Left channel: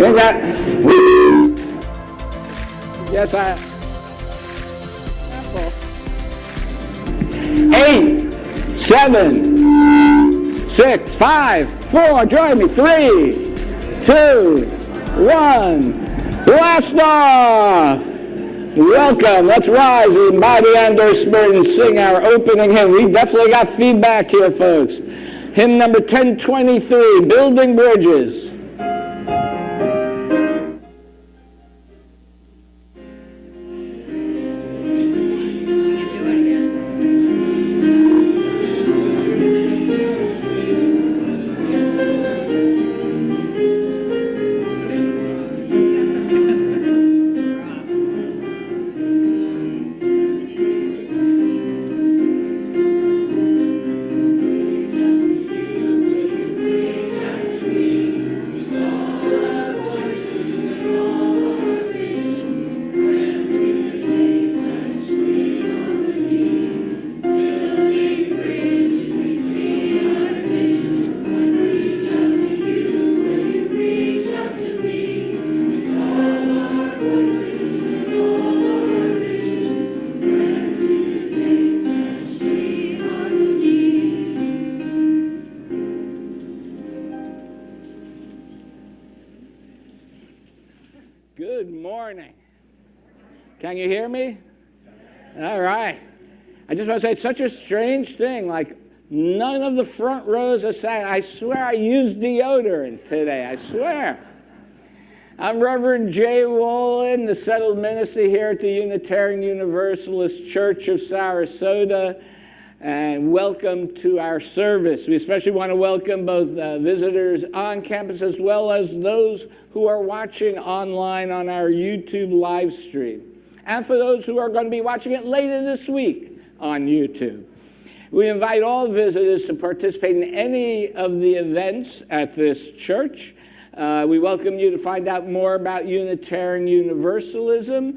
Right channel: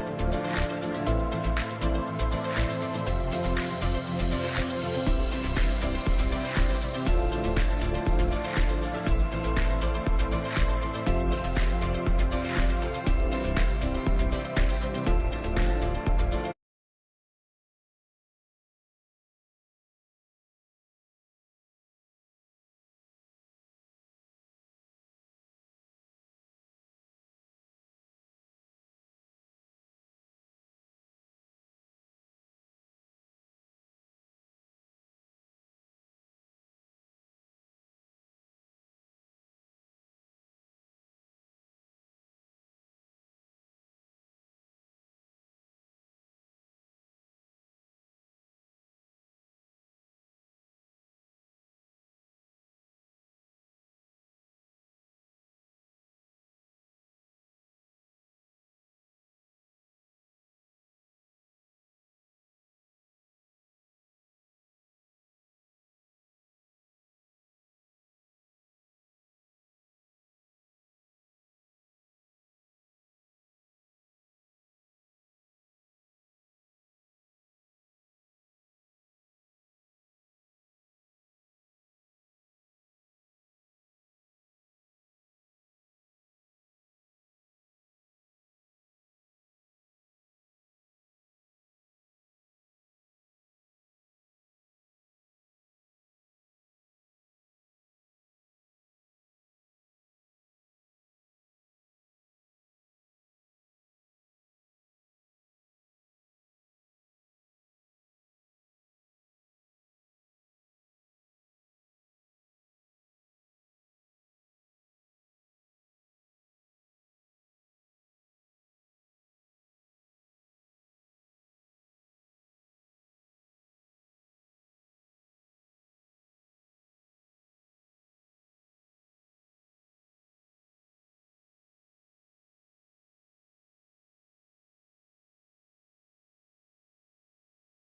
Think that? Yes, I am. 8, 7, 6, 5, 4, join me, 3, 2, 1, blast off! Welcome, let's rise in body and our spirit and sing our opening hymn. We definitely got feedback here, folks. Hymn number 1023, Building Bridges. Can you hear me? All right. I just want to say it's such a strange thing. Like, none of the front rows are saying, I swear I used deodorant today. I swear. I'm Reverend J. Wolin, the settled minister here at the Unitarian Universalist Church of Sarasota. And welcome to our service. We especially want to welcome both visitors on campus as well as those who are watching online on our YouTube live stream. And for those who are going to be watching it later this week on YouTube. We invite all visitors to participate in any of the events at this church. We welcome you to find out more about Unitarian Universalism.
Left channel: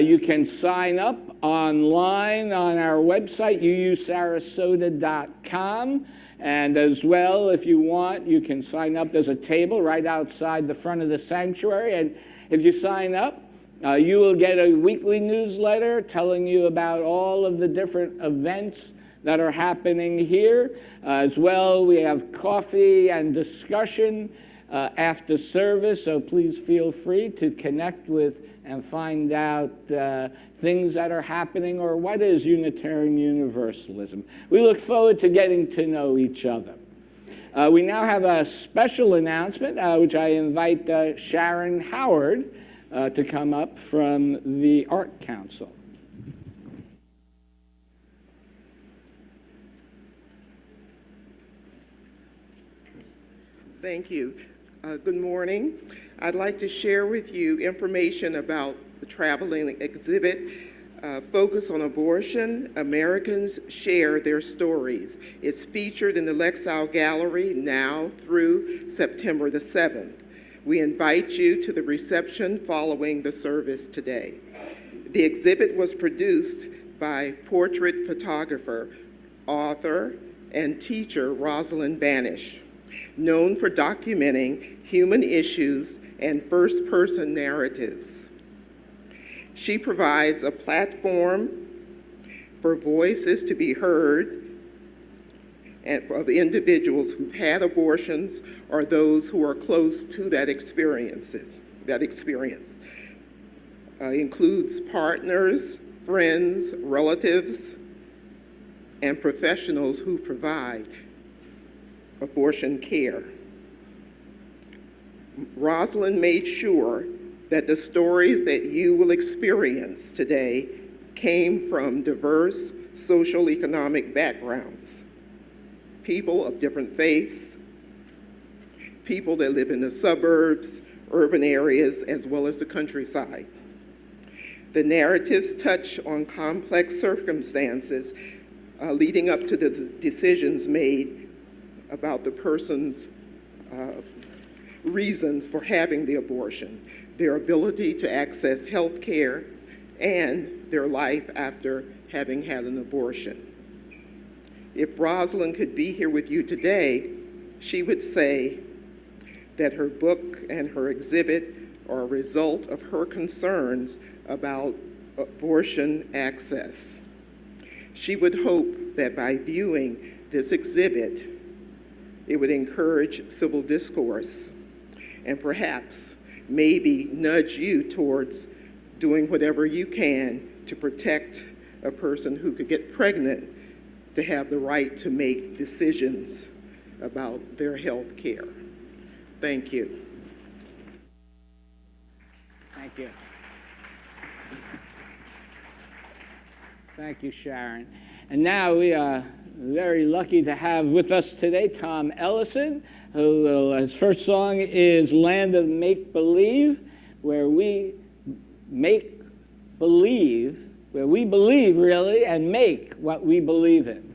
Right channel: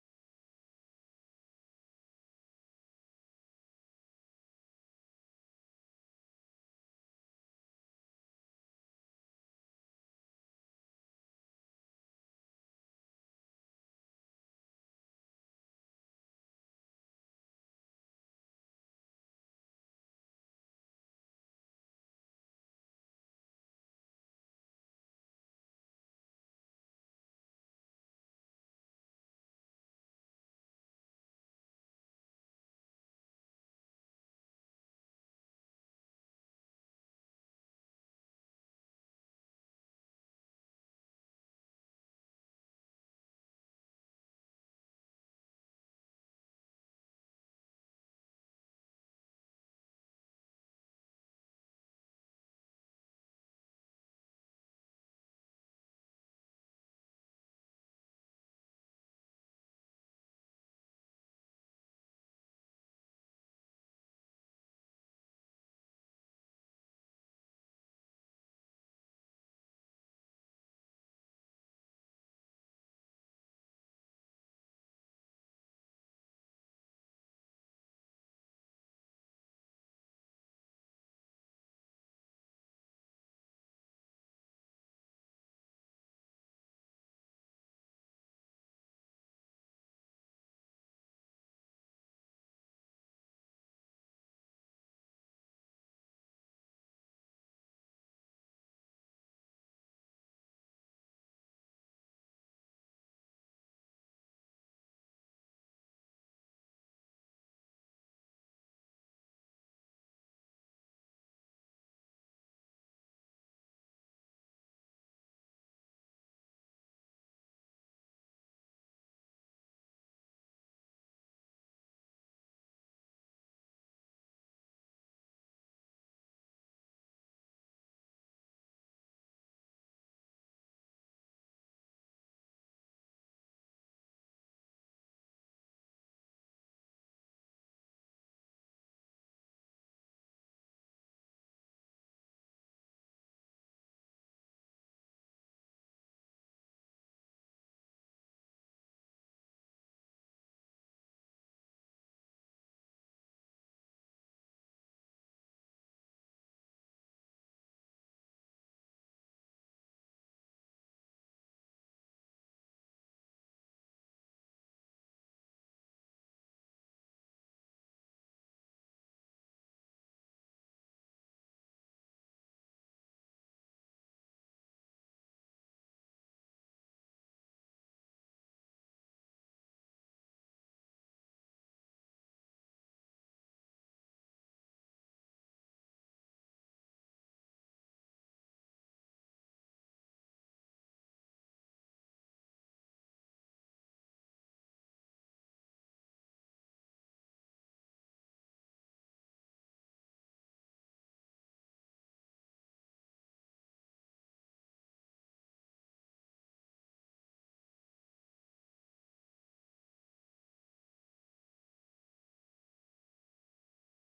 You can sign up online on our website, uusarasota.com. And as well, if you want, you can sign up. There's a table right outside the front of the sanctuary. And if you sign up, you will get a weekly newsletter telling you about all of the different events that are happening here. As well, we have coffee and discussion after service, so please feel free to connect with and find out things that are happening or what is Unitarian Universalism. We look forward to getting to know each other. We now have a special announcement, which I invite Sharon Howard to come up from the Art Council. Thank you. Good morning. I'd like to share with you information about the traveling exhibit, Focus on Abortion, Americans Share Their Stories. It's featured in the Lexile Gallery now through September the 7th. We invite you to the reception following the service today. The exhibit was produced by portrait photographer, author, and teacher Rosalind Banish, known for documenting human issues and first-person narratives. She provides a platform for voices to be heard and of individuals who've had abortions or those who are close to that experience. Includes partners, friends, relatives, and professionals who provide abortion care. Rosalind made sure that the stories that you will experience today came from diverse social economic backgrounds, people of different faiths, people that live in the suburbs, urban areas, as well as the countryside. The narratives touch on complex circumstances leading up to the decisions made about the person's reasons for having the abortion, their ability to access health care, and their life after having had an abortion. If Rosalind could be here with you today, she would say that her book and her exhibit are a result of her concerns about abortion access. She would hope that by viewing this exhibit, it would encourage civil discourse and perhaps maybe nudge you towards doing whatever you can to protect a person who could get pregnant to have the right to make decisions about their health care. Thank you. Thank you. Thank you, Sharon. And now we are very lucky to have with us today Tom Ellison, his first song is Land of Make Believe, where we make believe, where we believe really and make what we believe in.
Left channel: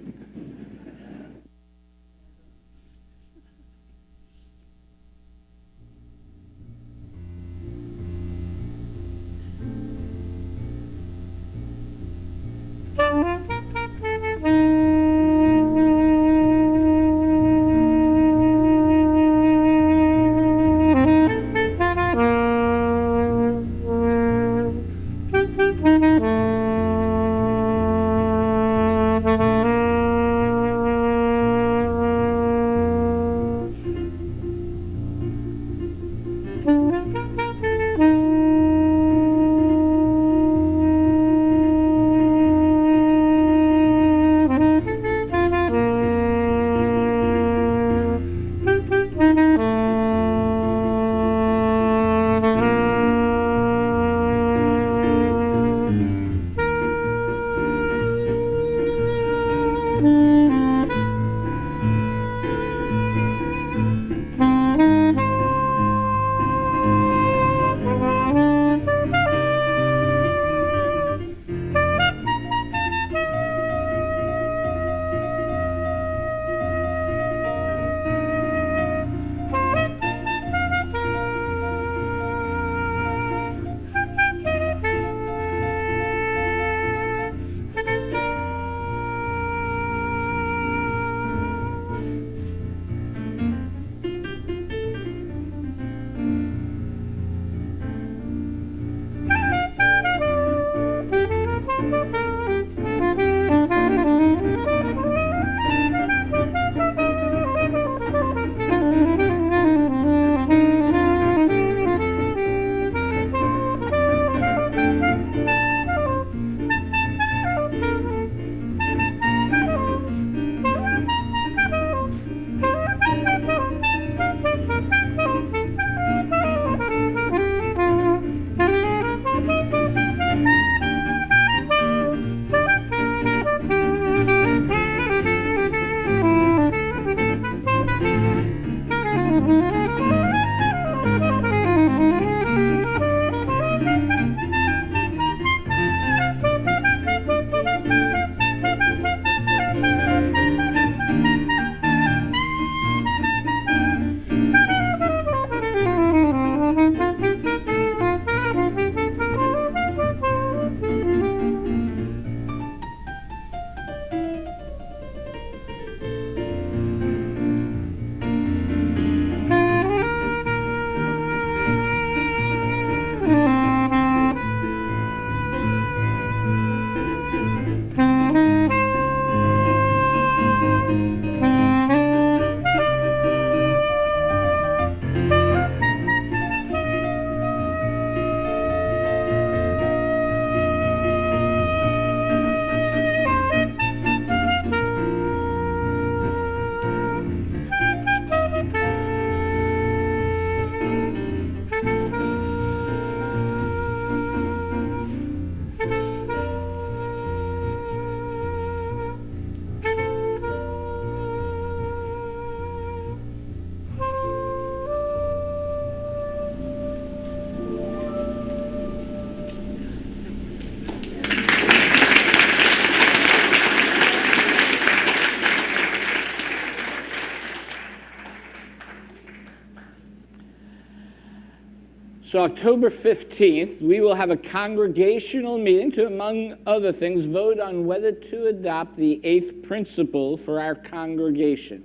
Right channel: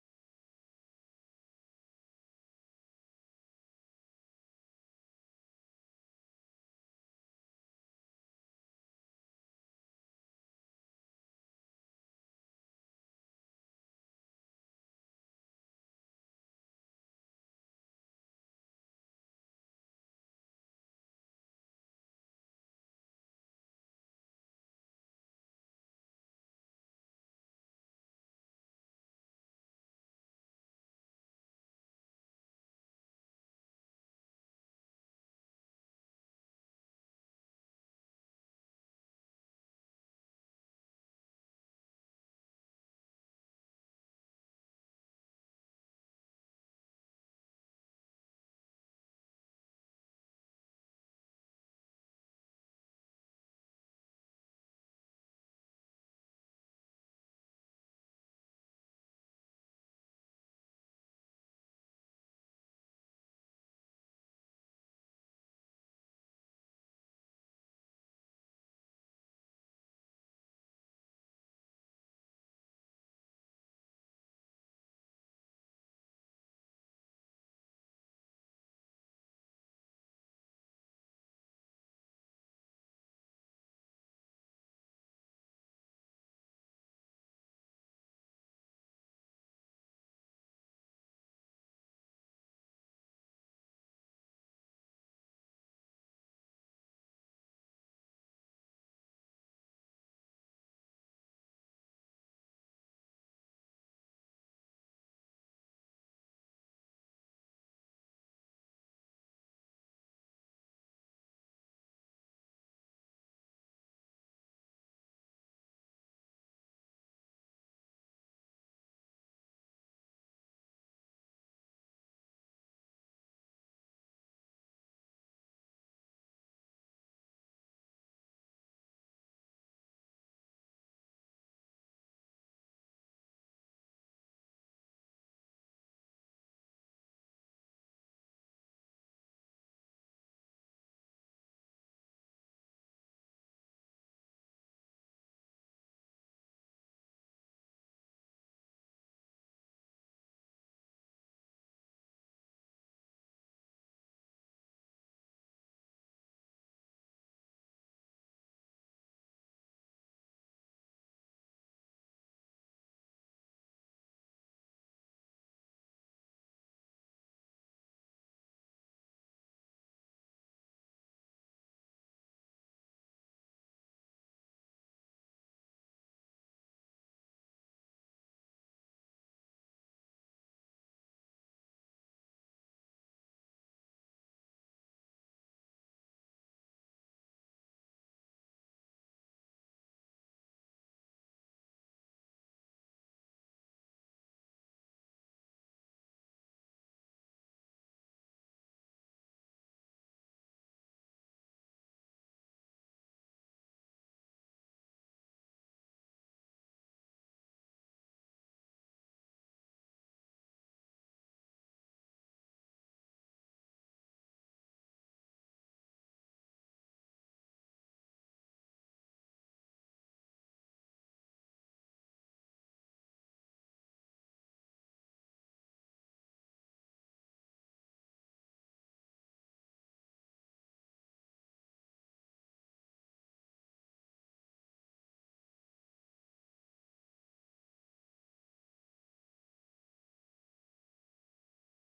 So October 15th, we will have a congregational meeting to, among other things, vote on whether to adopt the 8th principle for our congregation.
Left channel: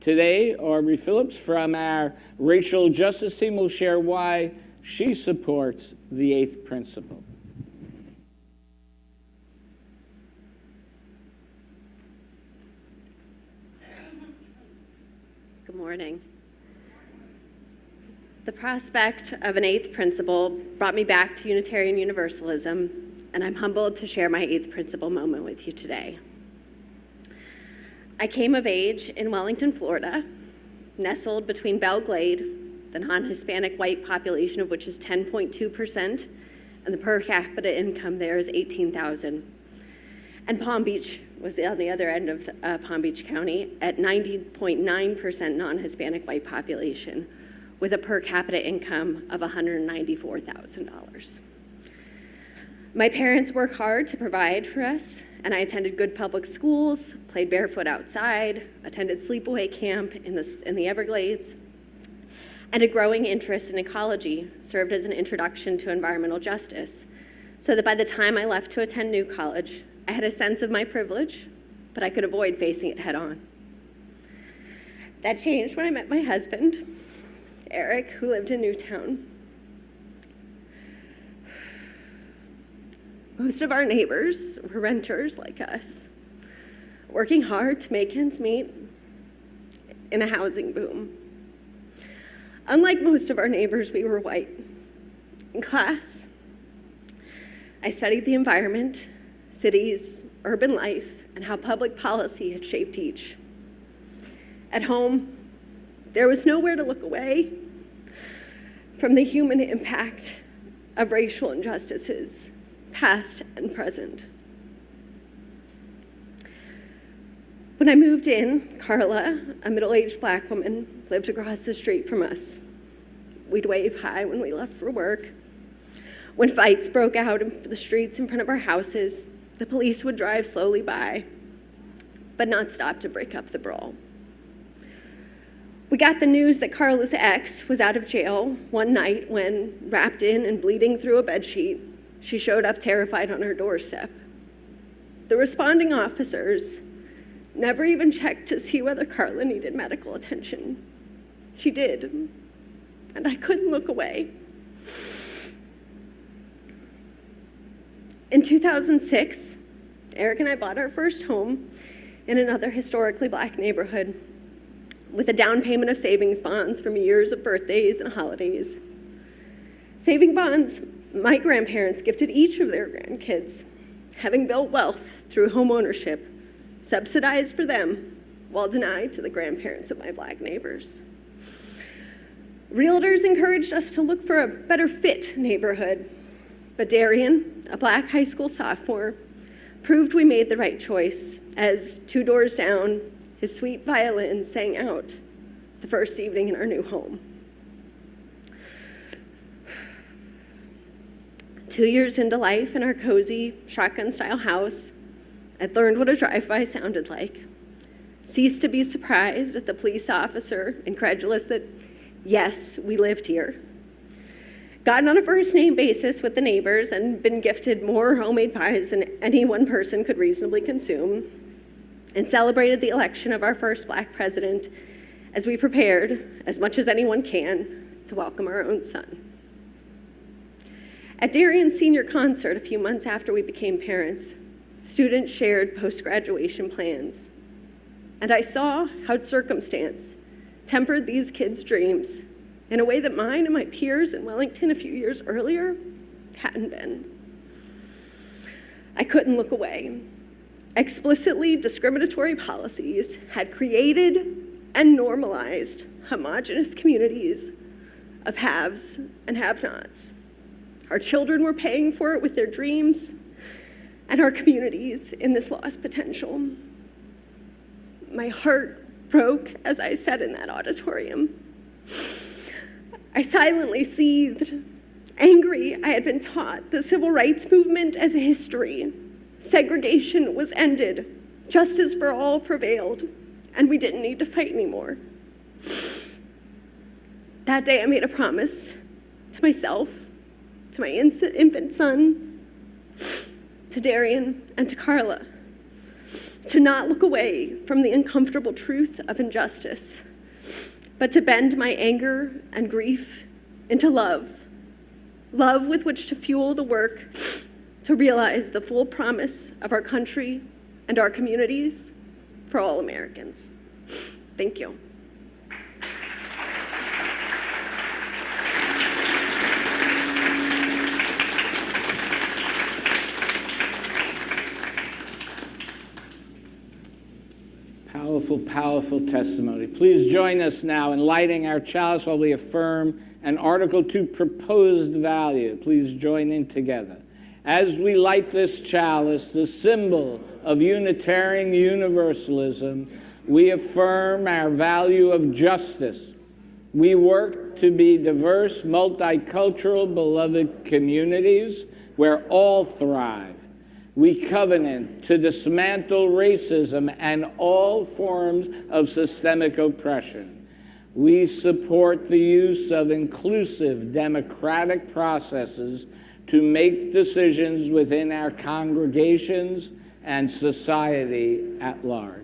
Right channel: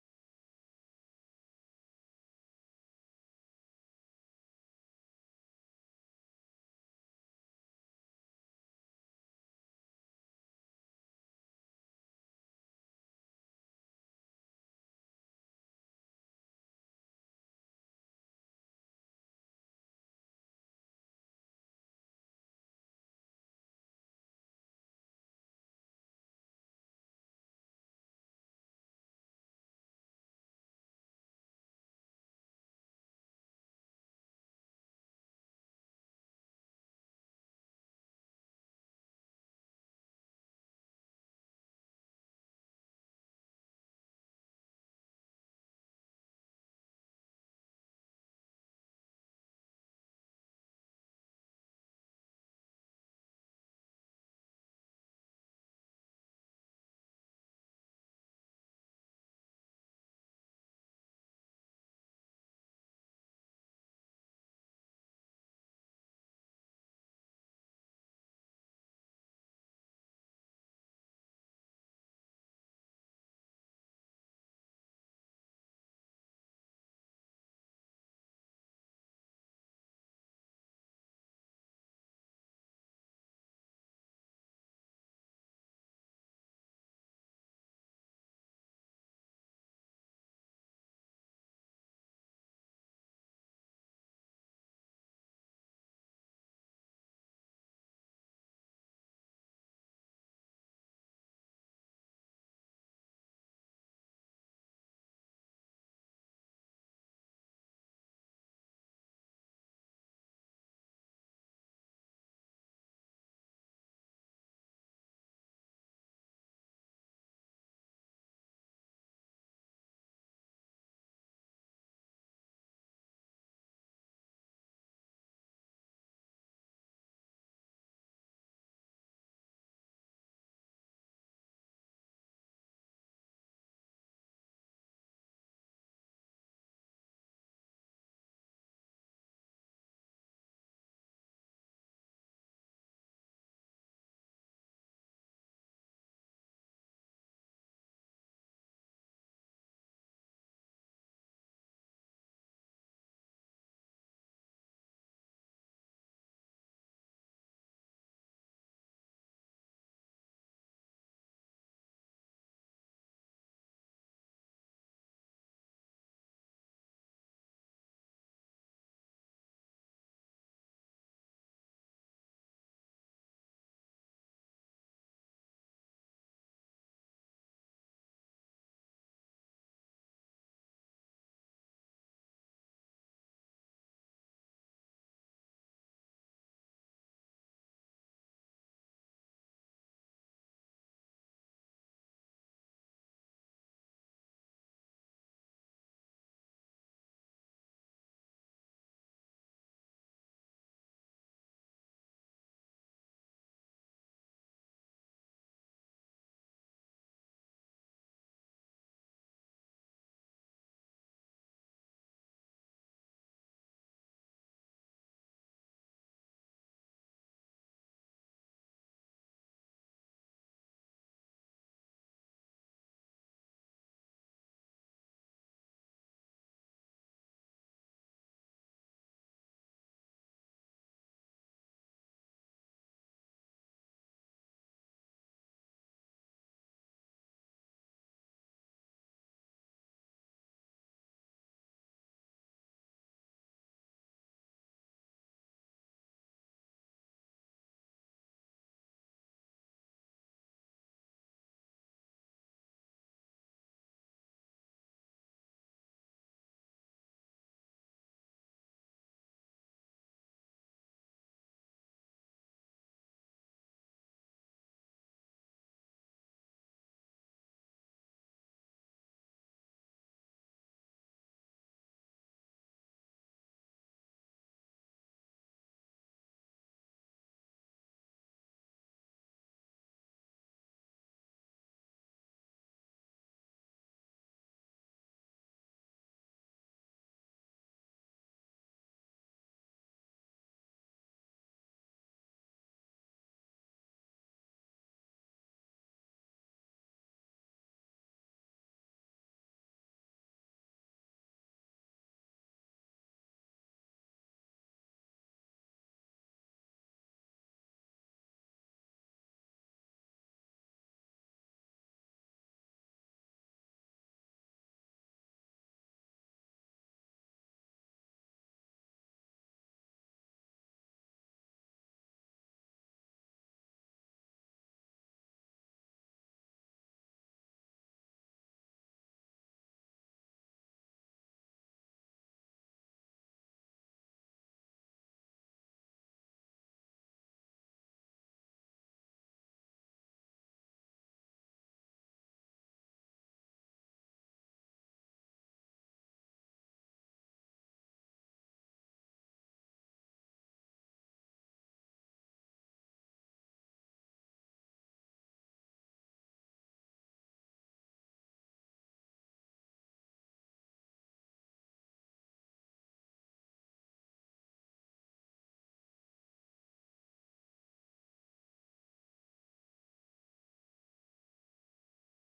Today, Aubrey Phillips from our racial justice team will share why she supports the 8th principle. Good morning. The prospect of an 8th principle brought me back to Unitarian Universalism, and I'm humbled to share my 8th principle moment with you today. I came of age in Wellington, Florida, nestled between Belle Glade, the non-Hispanic white population of which is 10.2%, and the per capita income there is $18,000. And Palm Beach was on the other end of Palm Beach County at 90.9% non-Hispanic white population, with a per capita income of $194,000. My parents work hard to provide for us, and I attended good public schools, played barefoot outside, attended sleepaway camp in the Everglades, and a growing interest in ecology served as an introduction to environmental justice, so that by the time I left to attend New College, I had a sense of my privilege, but I could avoid facing it head on. That changed when I met my husband, Eric, who lived in Newtown. Most of our neighbors were renters like us, working hard to make ends meet in a housing boom. Unlike most of our neighbors, we were white. In class, I studied the environment, cities, urban life, and how public policy had shaped each. At home, there was nowhere to look away from the human impact of racial injustices, past and present. When I moved in, Carla, a middle-aged Black woman, lived across the street from us. We'd wave hi when we left for work. When fights broke out in the streets in front of our houses, the police would drive slowly by, but not stop to break up the brawl. We got the news that Carla's ex was out of jail one night when, wrapped in and bleeding through a bedsheet, she showed up terrified on her doorstep. The responding officers never even checked to see whether Carla needed medical attention. She did, and I couldn't look away. In 2006, Eric and I bought our first home in another historically Black neighborhood with a down payment of savings bonds from years of birthdays and holidays. Saving bonds my grandparents gifted each of their grandkids, having built wealth through home ownership, subsidized for them while denied to the grandparents of my Black neighbors. Realtors encouraged us to look for a better fit neighborhood, but Darian, a Black high school sophomore, proved we made the right choice as 2 doors down, his sweet violin sang out the first evening in our new home. 2 years into life in our cozy shotgun-style house, I'd learned what a drive-by sounded like, ceased to be surprised at the police officer, incredulous that, yes, we lived here, gotten on a first-name basis with the neighbors and been gifted more homemade pies than any one person could reasonably consume, and celebrated the election of our first Black president as we prepared, as much as anyone can, to welcome our own son. At Darian's senior concert a few months after we became parents, students shared post-graduation plans, and I saw how circumstance tempered these kids' dreams in a way that mine and my peers in Wellington a few years earlier hadn't been. I couldn't look away. Explicitly discriminatory policies had created and normalized homogenous communities of haves and have-nots. Our children were paying for it with their dreams, and our communities in this lost potential. My heart broke as I sat in that auditorium. I silently seethed, angry I had been taught the civil rights movement as a history. Segregation was ended, justice for all prevailed, and we didn't need to fight anymore. That day I made a promise to myself, to my infant son, to Darian, and to Carla, to not look away from the uncomfortable truth of injustice, but to bend my anger and grief into love, love with which to fuel the work to realize the full promise of our country and our communities for all Americans. Thank you. Powerful, powerful testimony. Please join us now in lighting our chalice while we affirm an Article 2 proposed value. Please join in together. As we light this chalice, the symbol of Unitarian Universalism, we affirm our value of justice. We work to be diverse, multicultural, beloved communities where all thrive. We covenant to dismantle racism and all forms of systemic oppression. We support the use of inclusive democratic processes to make decisions within our congregations and society at large.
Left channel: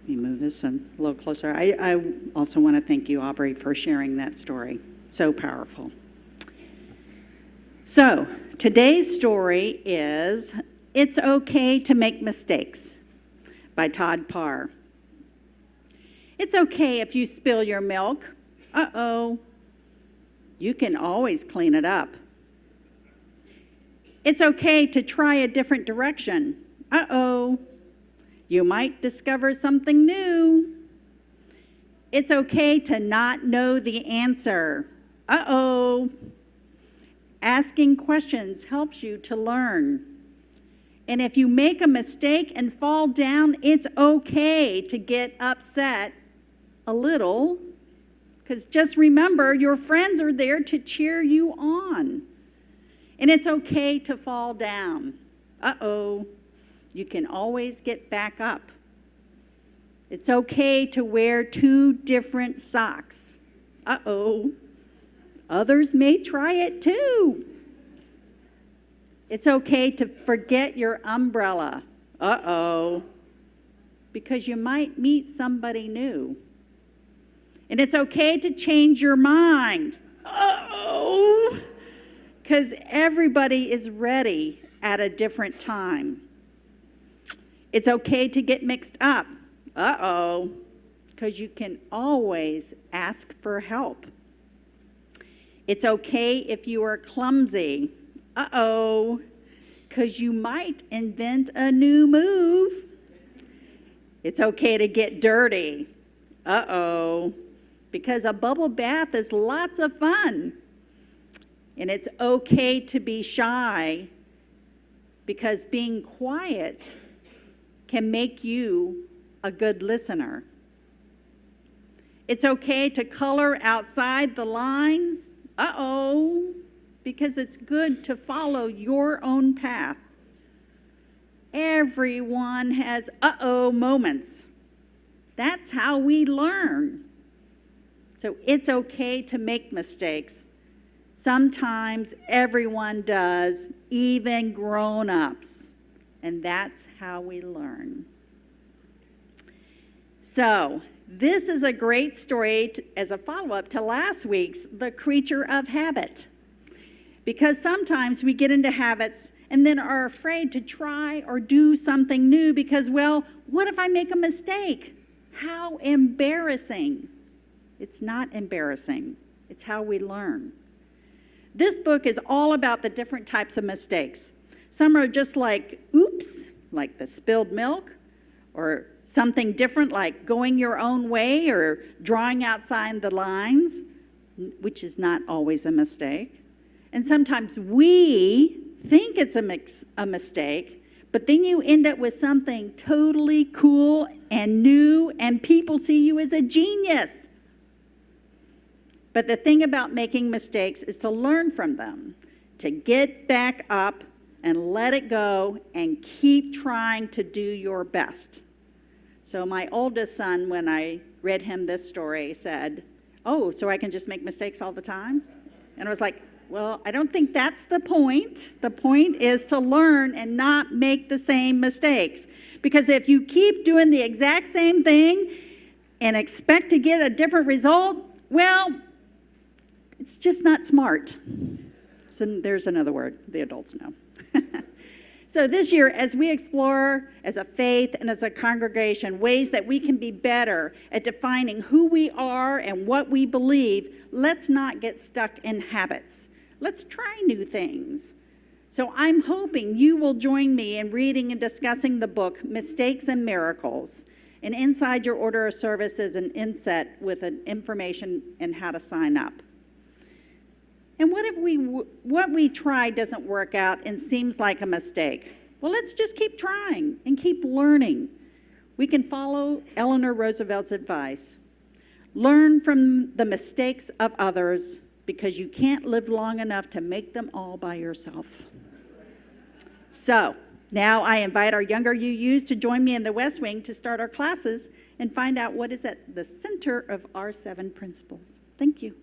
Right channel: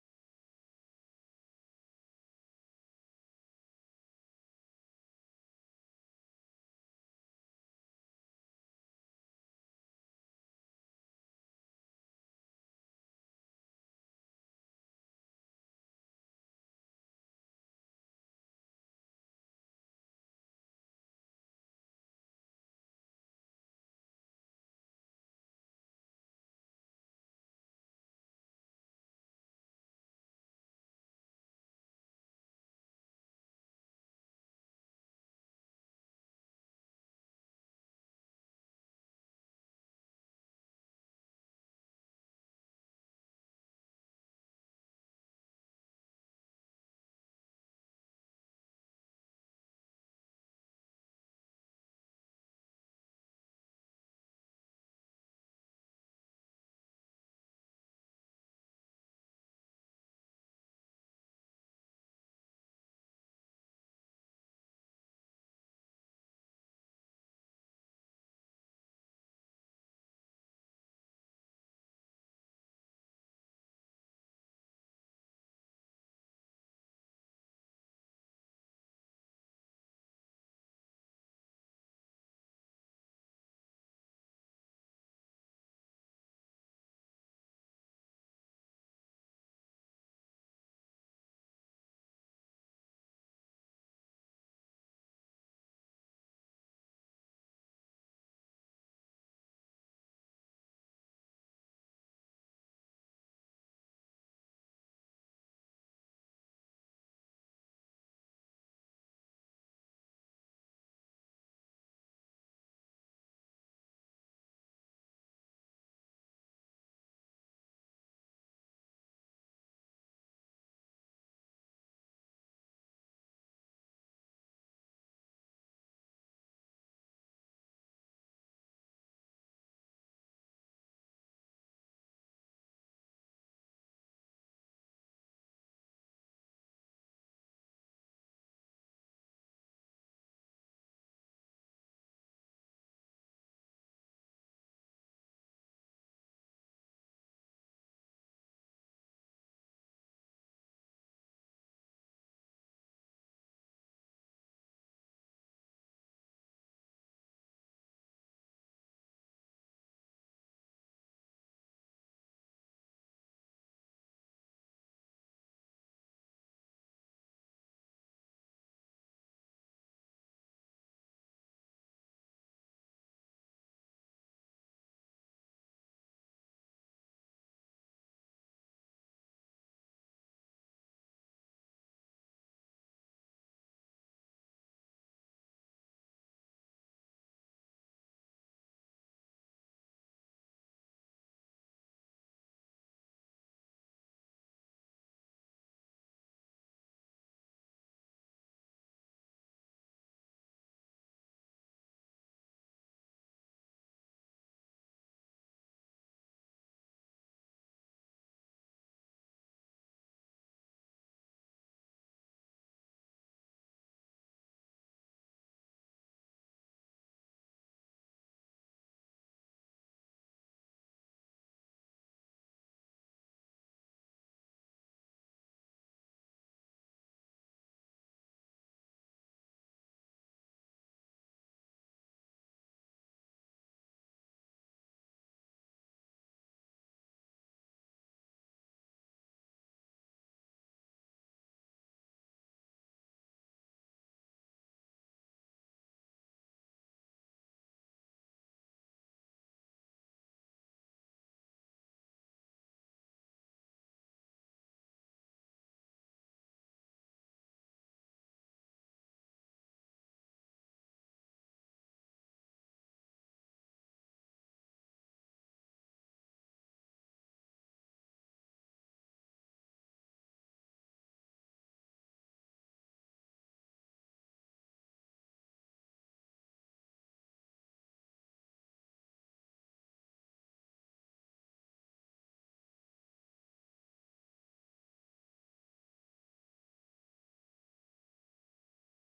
Let me move this a little closer. I also want to thank you, Aubrey, for sharing that story. So powerful. So, today's story is It's Okay to Make Mistakes by Todd Parr. It's okay if you spill your milk. Uh-oh. You can always clean it up. It's okay to try a different direction. Uh-oh. You might discover something new. It's okay to not know the answer. Uh-oh. Asking questions helps you to learn. And if you make a mistake and fall down, it's okay to get upset a little, because just remember, your friends are there to cheer you on. And it's okay to fall down. Uh-oh. You can always get back up. It's okay to wear 2 different socks. Uh-oh. Others may try it too. It's okay to forget your umbrella. Uh-oh. Because you might meet somebody new. And it's okay to change your mind. Uh-oh. Because everybody is ready at a different time. It's okay to get mixed up. Uh-oh. Because you can always ask for help. It's okay if you are clumsy. Uh-oh. Because you might invent a new move. It's okay to get dirty. Uh-oh. Because a bubble bath is lots of fun. And it's okay to be shy, because being quiet can make you a good listener. It's okay to color outside the lines. Uh-oh, because it's good to follow your own path. Everyone has uh-oh moments. That's how we learn. So it's okay to make mistakes. Sometimes everyone does, even grown-ups. And that's how we learn. So, this is a great story as a follow-up to last week's The Creature of Habit. Because sometimes we get into habits and then are afraid to try or do something new because, well, what if I make a mistake? How embarrassing. It's not embarrassing. It's how we learn. This book is all about the different types of mistakes. Some are just like, oops, like the spilled milk, or something different like going your own way or drawing outside the lines, which is not always a mistake. And sometimes we think it's a mistake, but then you end up with something totally cool and new, and people see you as a genius. But the thing about making mistakes is to learn from them, to get back up and let it go and keep trying to do your best. So my oldest son, when I read him this story, said, oh, so I can just make mistakes all the time? And I was like, well, I don't think that's the point. The point is to learn and not make the same mistakes. Because if you keep doing the exact same thing and expect to get a different result, well, it's just not smart. So there's another word the adults know. So this year, as we explore as a faith and as a congregation ways that we can be better at defining who we are and what we believe, let's not get stuck in habits. Let's try new things. So I'm hoping you will join me in reading and discussing the book, Mistakes and Miracles. And inside your order of service is an inset with an information and how to sign up. And what if what we try doesn't work out and seems like a mistake? Well, let's just keep trying and keep learning. We can follow Eleanor Roosevelt's advice. Learn from the mistakes of others because you can't live long enough to make them all by yourself. So now I invite our younger UUs to join me in the West Wing to start our classes and find out what is at the center of our 7 principles. Thank you.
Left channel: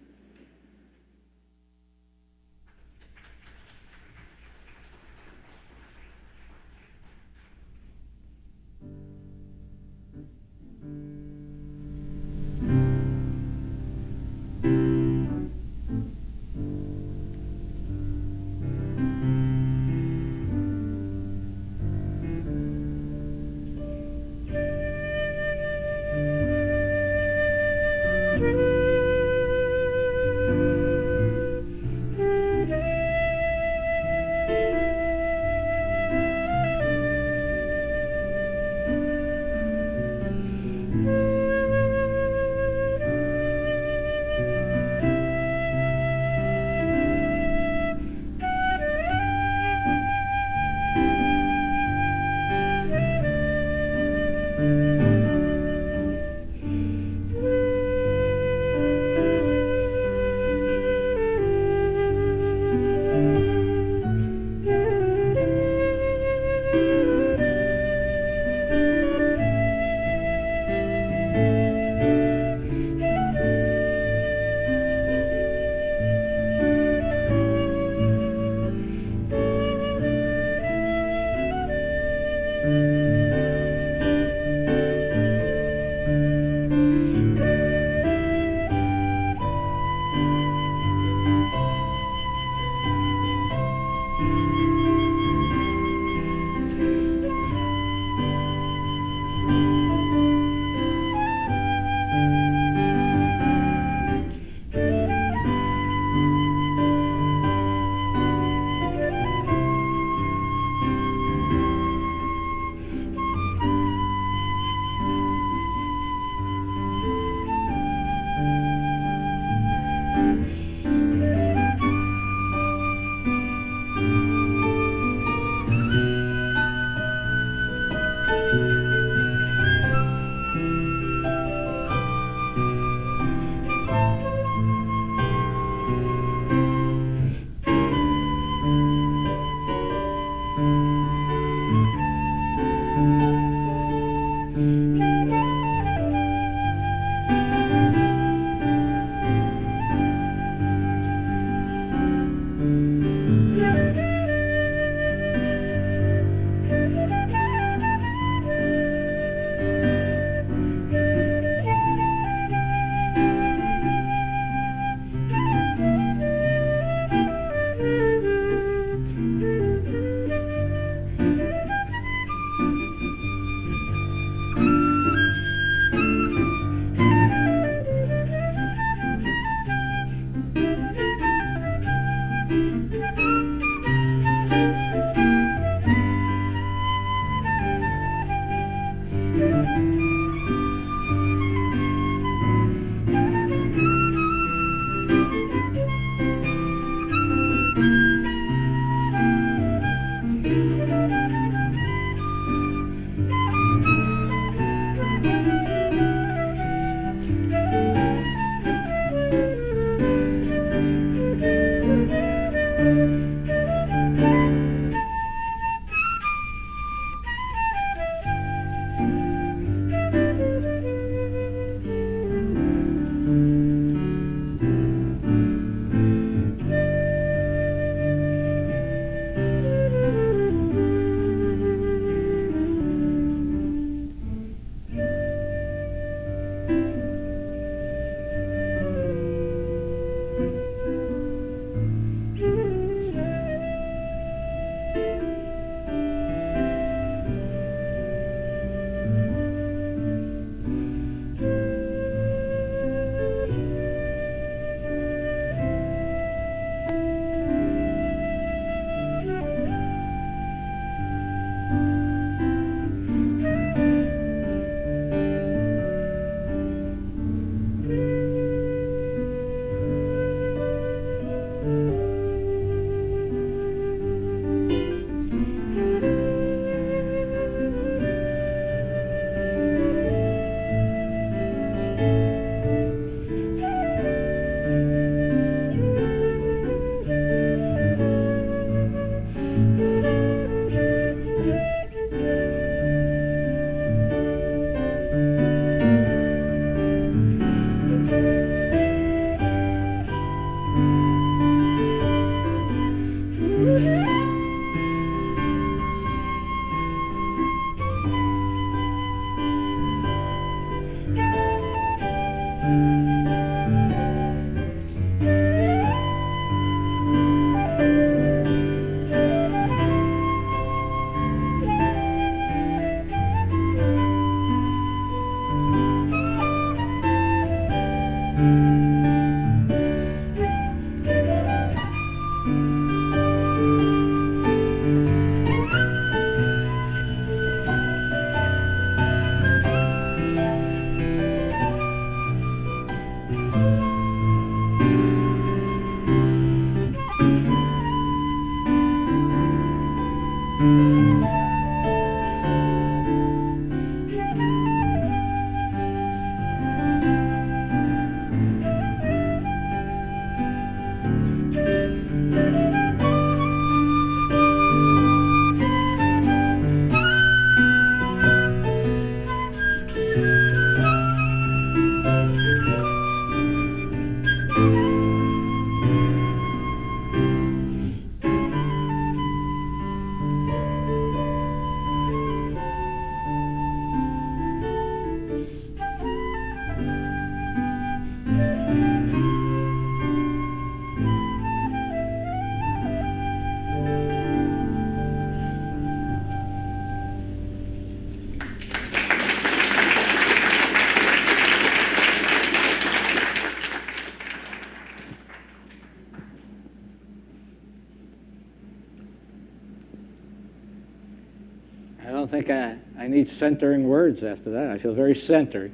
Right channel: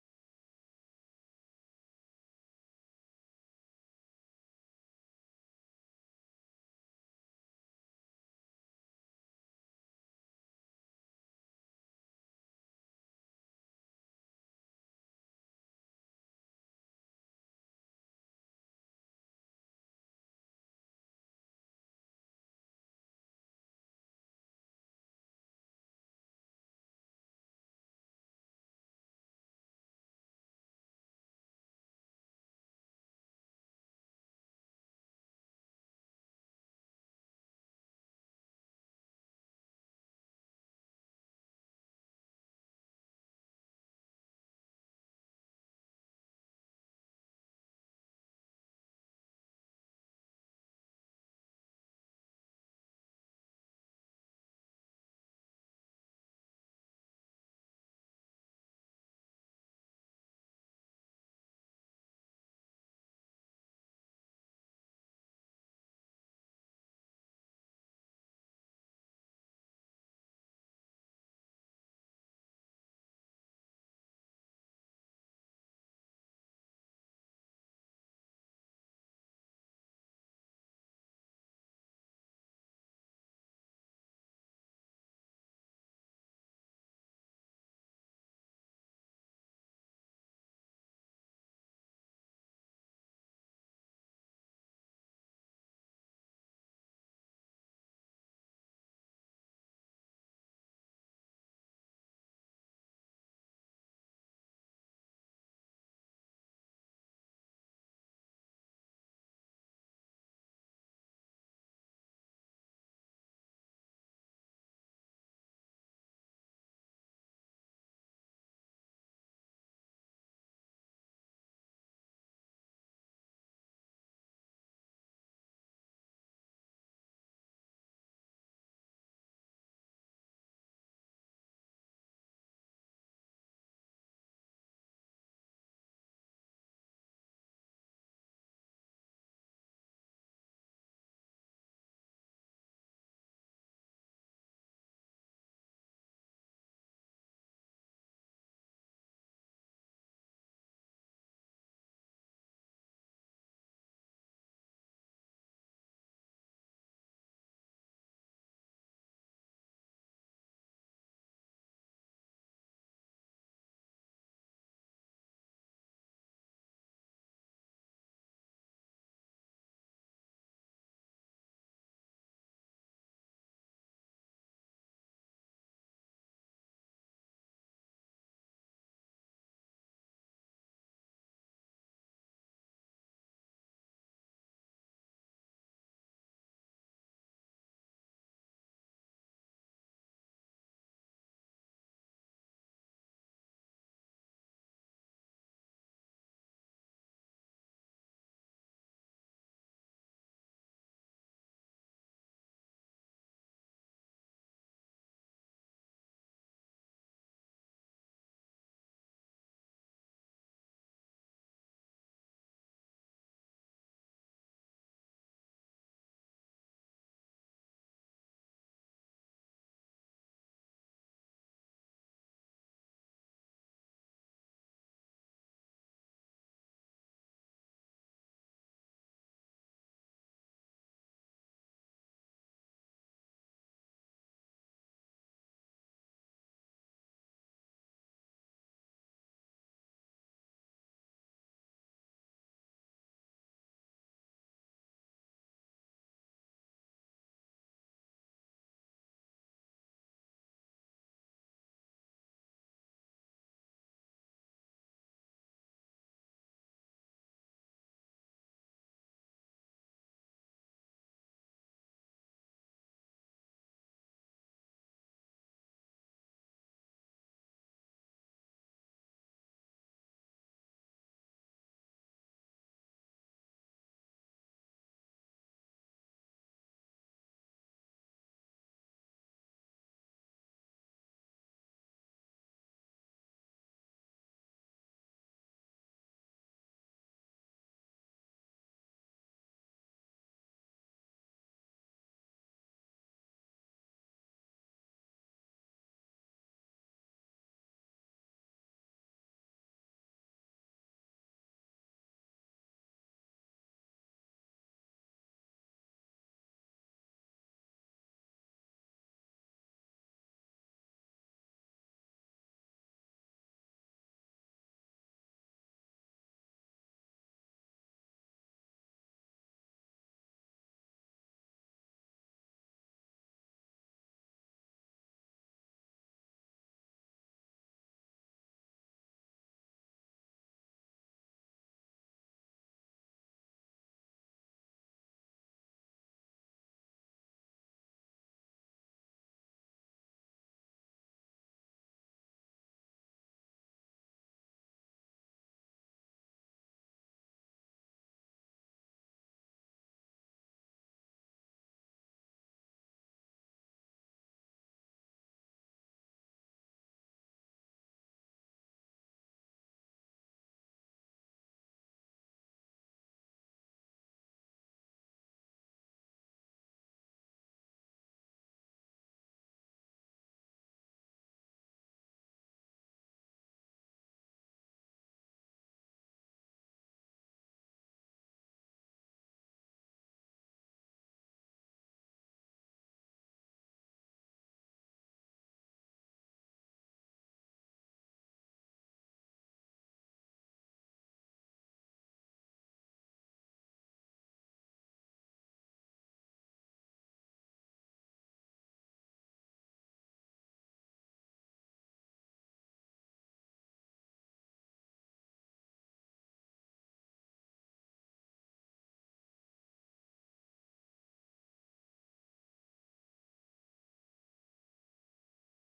don't think I need centering words after that. I feel very centered.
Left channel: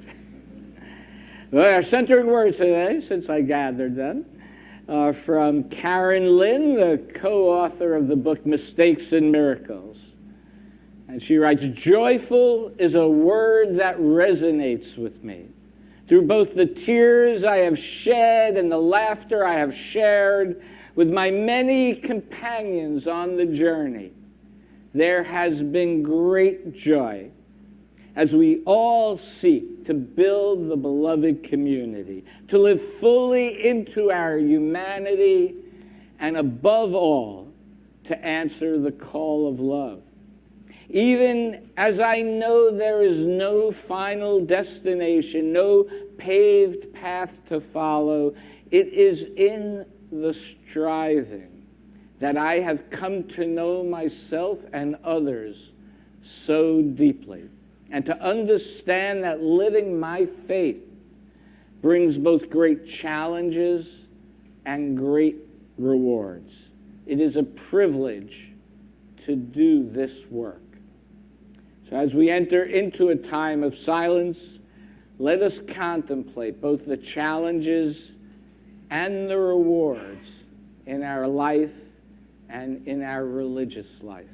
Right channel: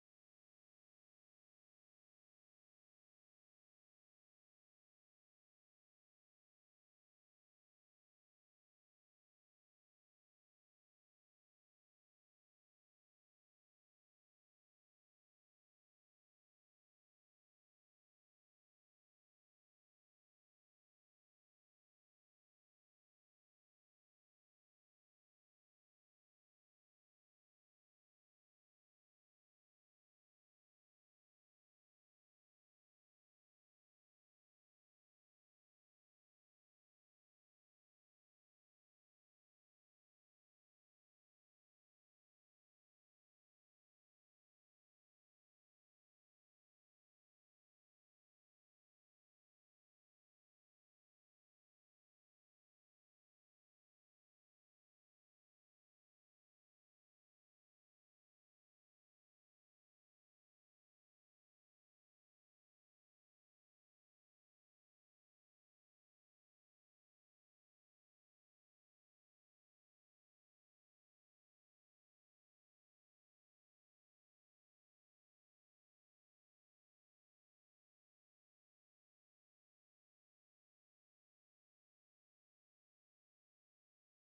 Well, our centering words today, since I gathered them, are from Karen Lynn, the co-author of the book Mistakes and Miracles. And she writes, "Joyful is a word that resonates with me. Through both the tears I have shed and the laughter I have shared with my many companions on the journey, there has been great joy as we all seek to build the beloved community, to live fully into our humanity, and above all, to answer the call of love. Even as I know there is no final destination, no paved path to follow, it is in the striving that I have come to know myself and others so deeply, and to understand that living my faith brings both great challenges and great rewards. It is a privilege to do this work." So as we enter into a time of silence, let us contemplate both the challenges and the rewards in our life and in our religious life.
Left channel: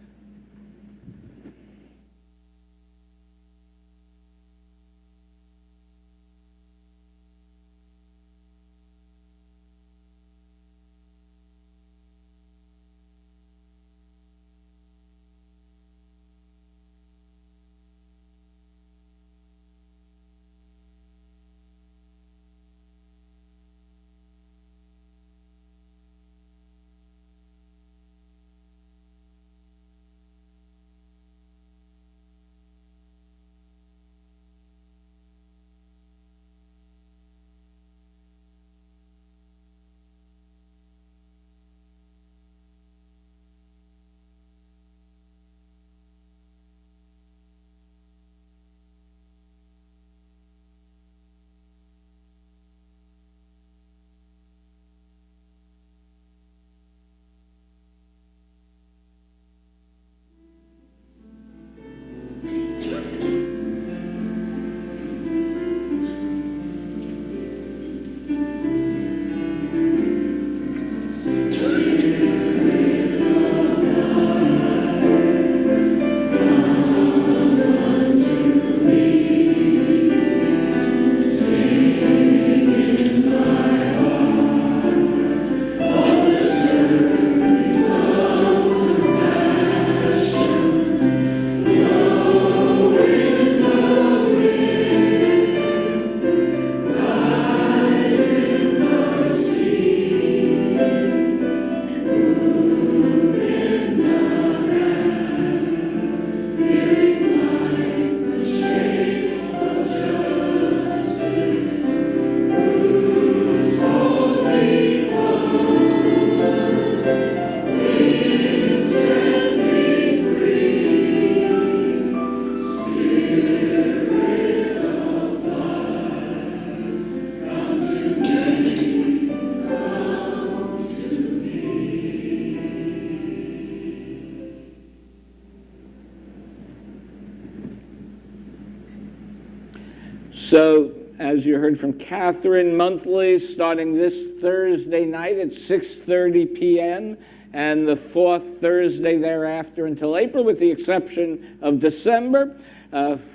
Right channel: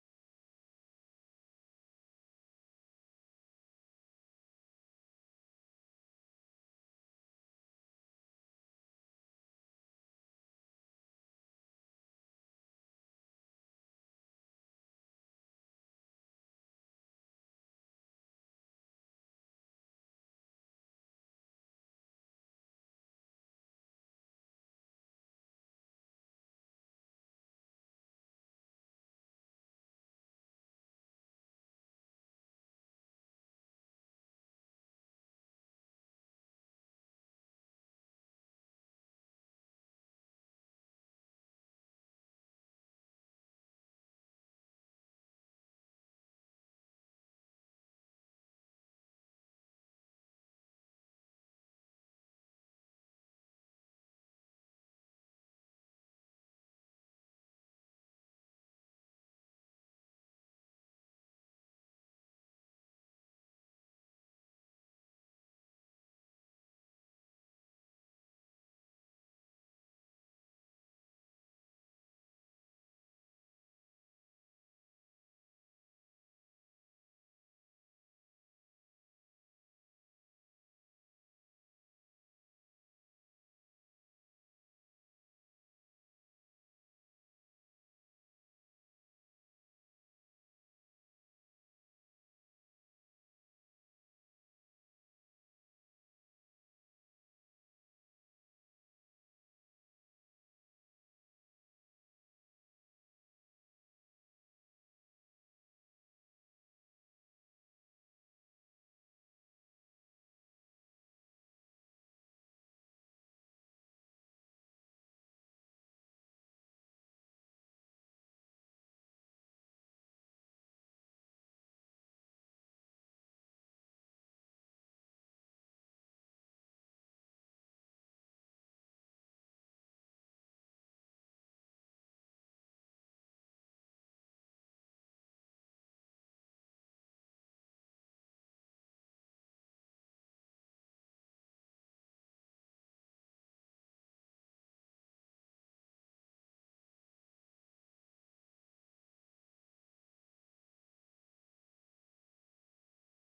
So, as you heard from Catherine, monthly, starting this Thursday night at 6:30 p.m., and the fourth Thursday thereafter until April, with the exception of December,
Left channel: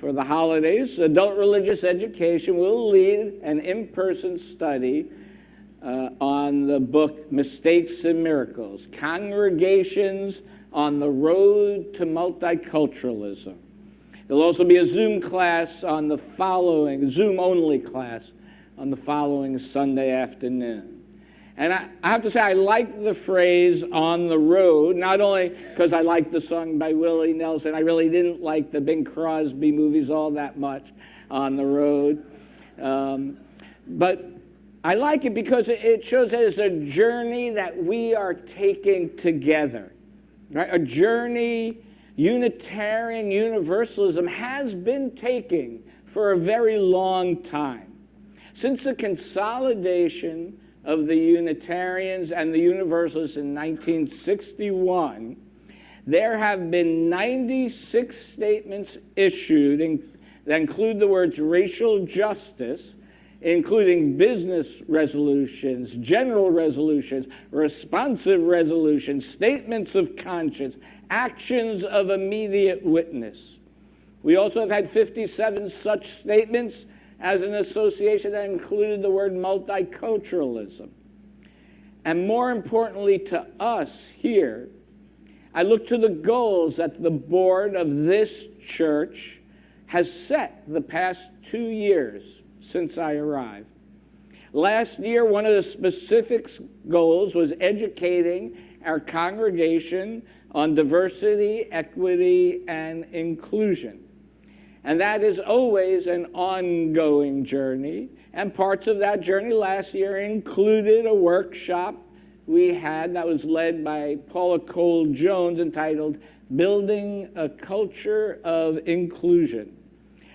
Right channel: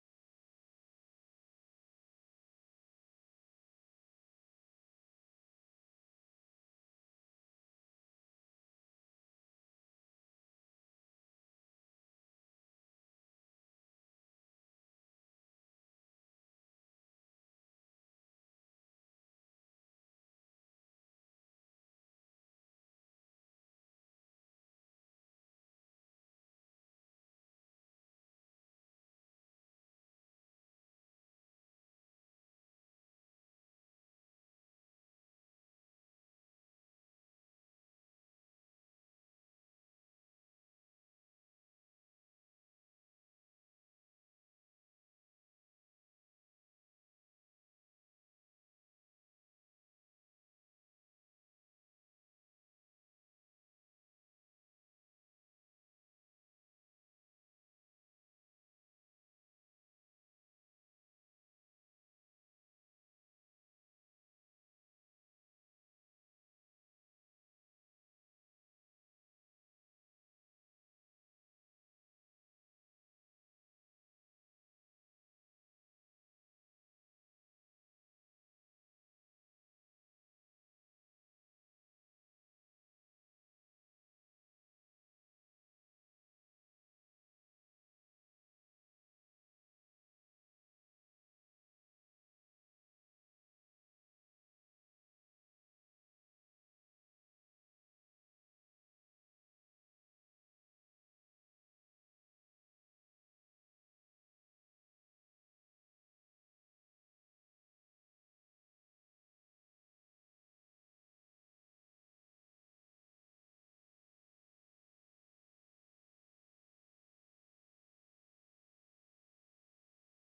for the holidays, Adult Religious Education will lead an in-person study on the book Mistakes and Miracles, Congregations on the Road to Multiculturalism. There'll also be a Zoom class on the following, Zoom-only class on the following Sunday afternoon. And I have to say, I like the phrase "on the road," not only because I like the song by Willie Nelson. I really didn't like the Bing Crosby movies all that much, "On the Road." But I like it because it shows that it's a journey that we are taking together, right? A journey Unitarian Universalism has been taking for a very long time. Since the consolidation of the Unitarians and the Universalists in 1961, there have been 96 statements issued that include the words racial justice, including business resolutions, general resolutions, responsive resolutions, statements of conscience, actions of immediate witness. We also have had 57 such statements as an association that included the word multiculturalism. And more importantly to us here, I look to the goals that the board of this church has set the past 2 years since I arrived. Last year, one of the specific goals was educating our congregation on diversity, equity, and inclusion. And that is always an ongoing journey. And parts of that journey last year included a workshop we had that was led by Paula Cole Jones entitled Building a Culture of Inclusion.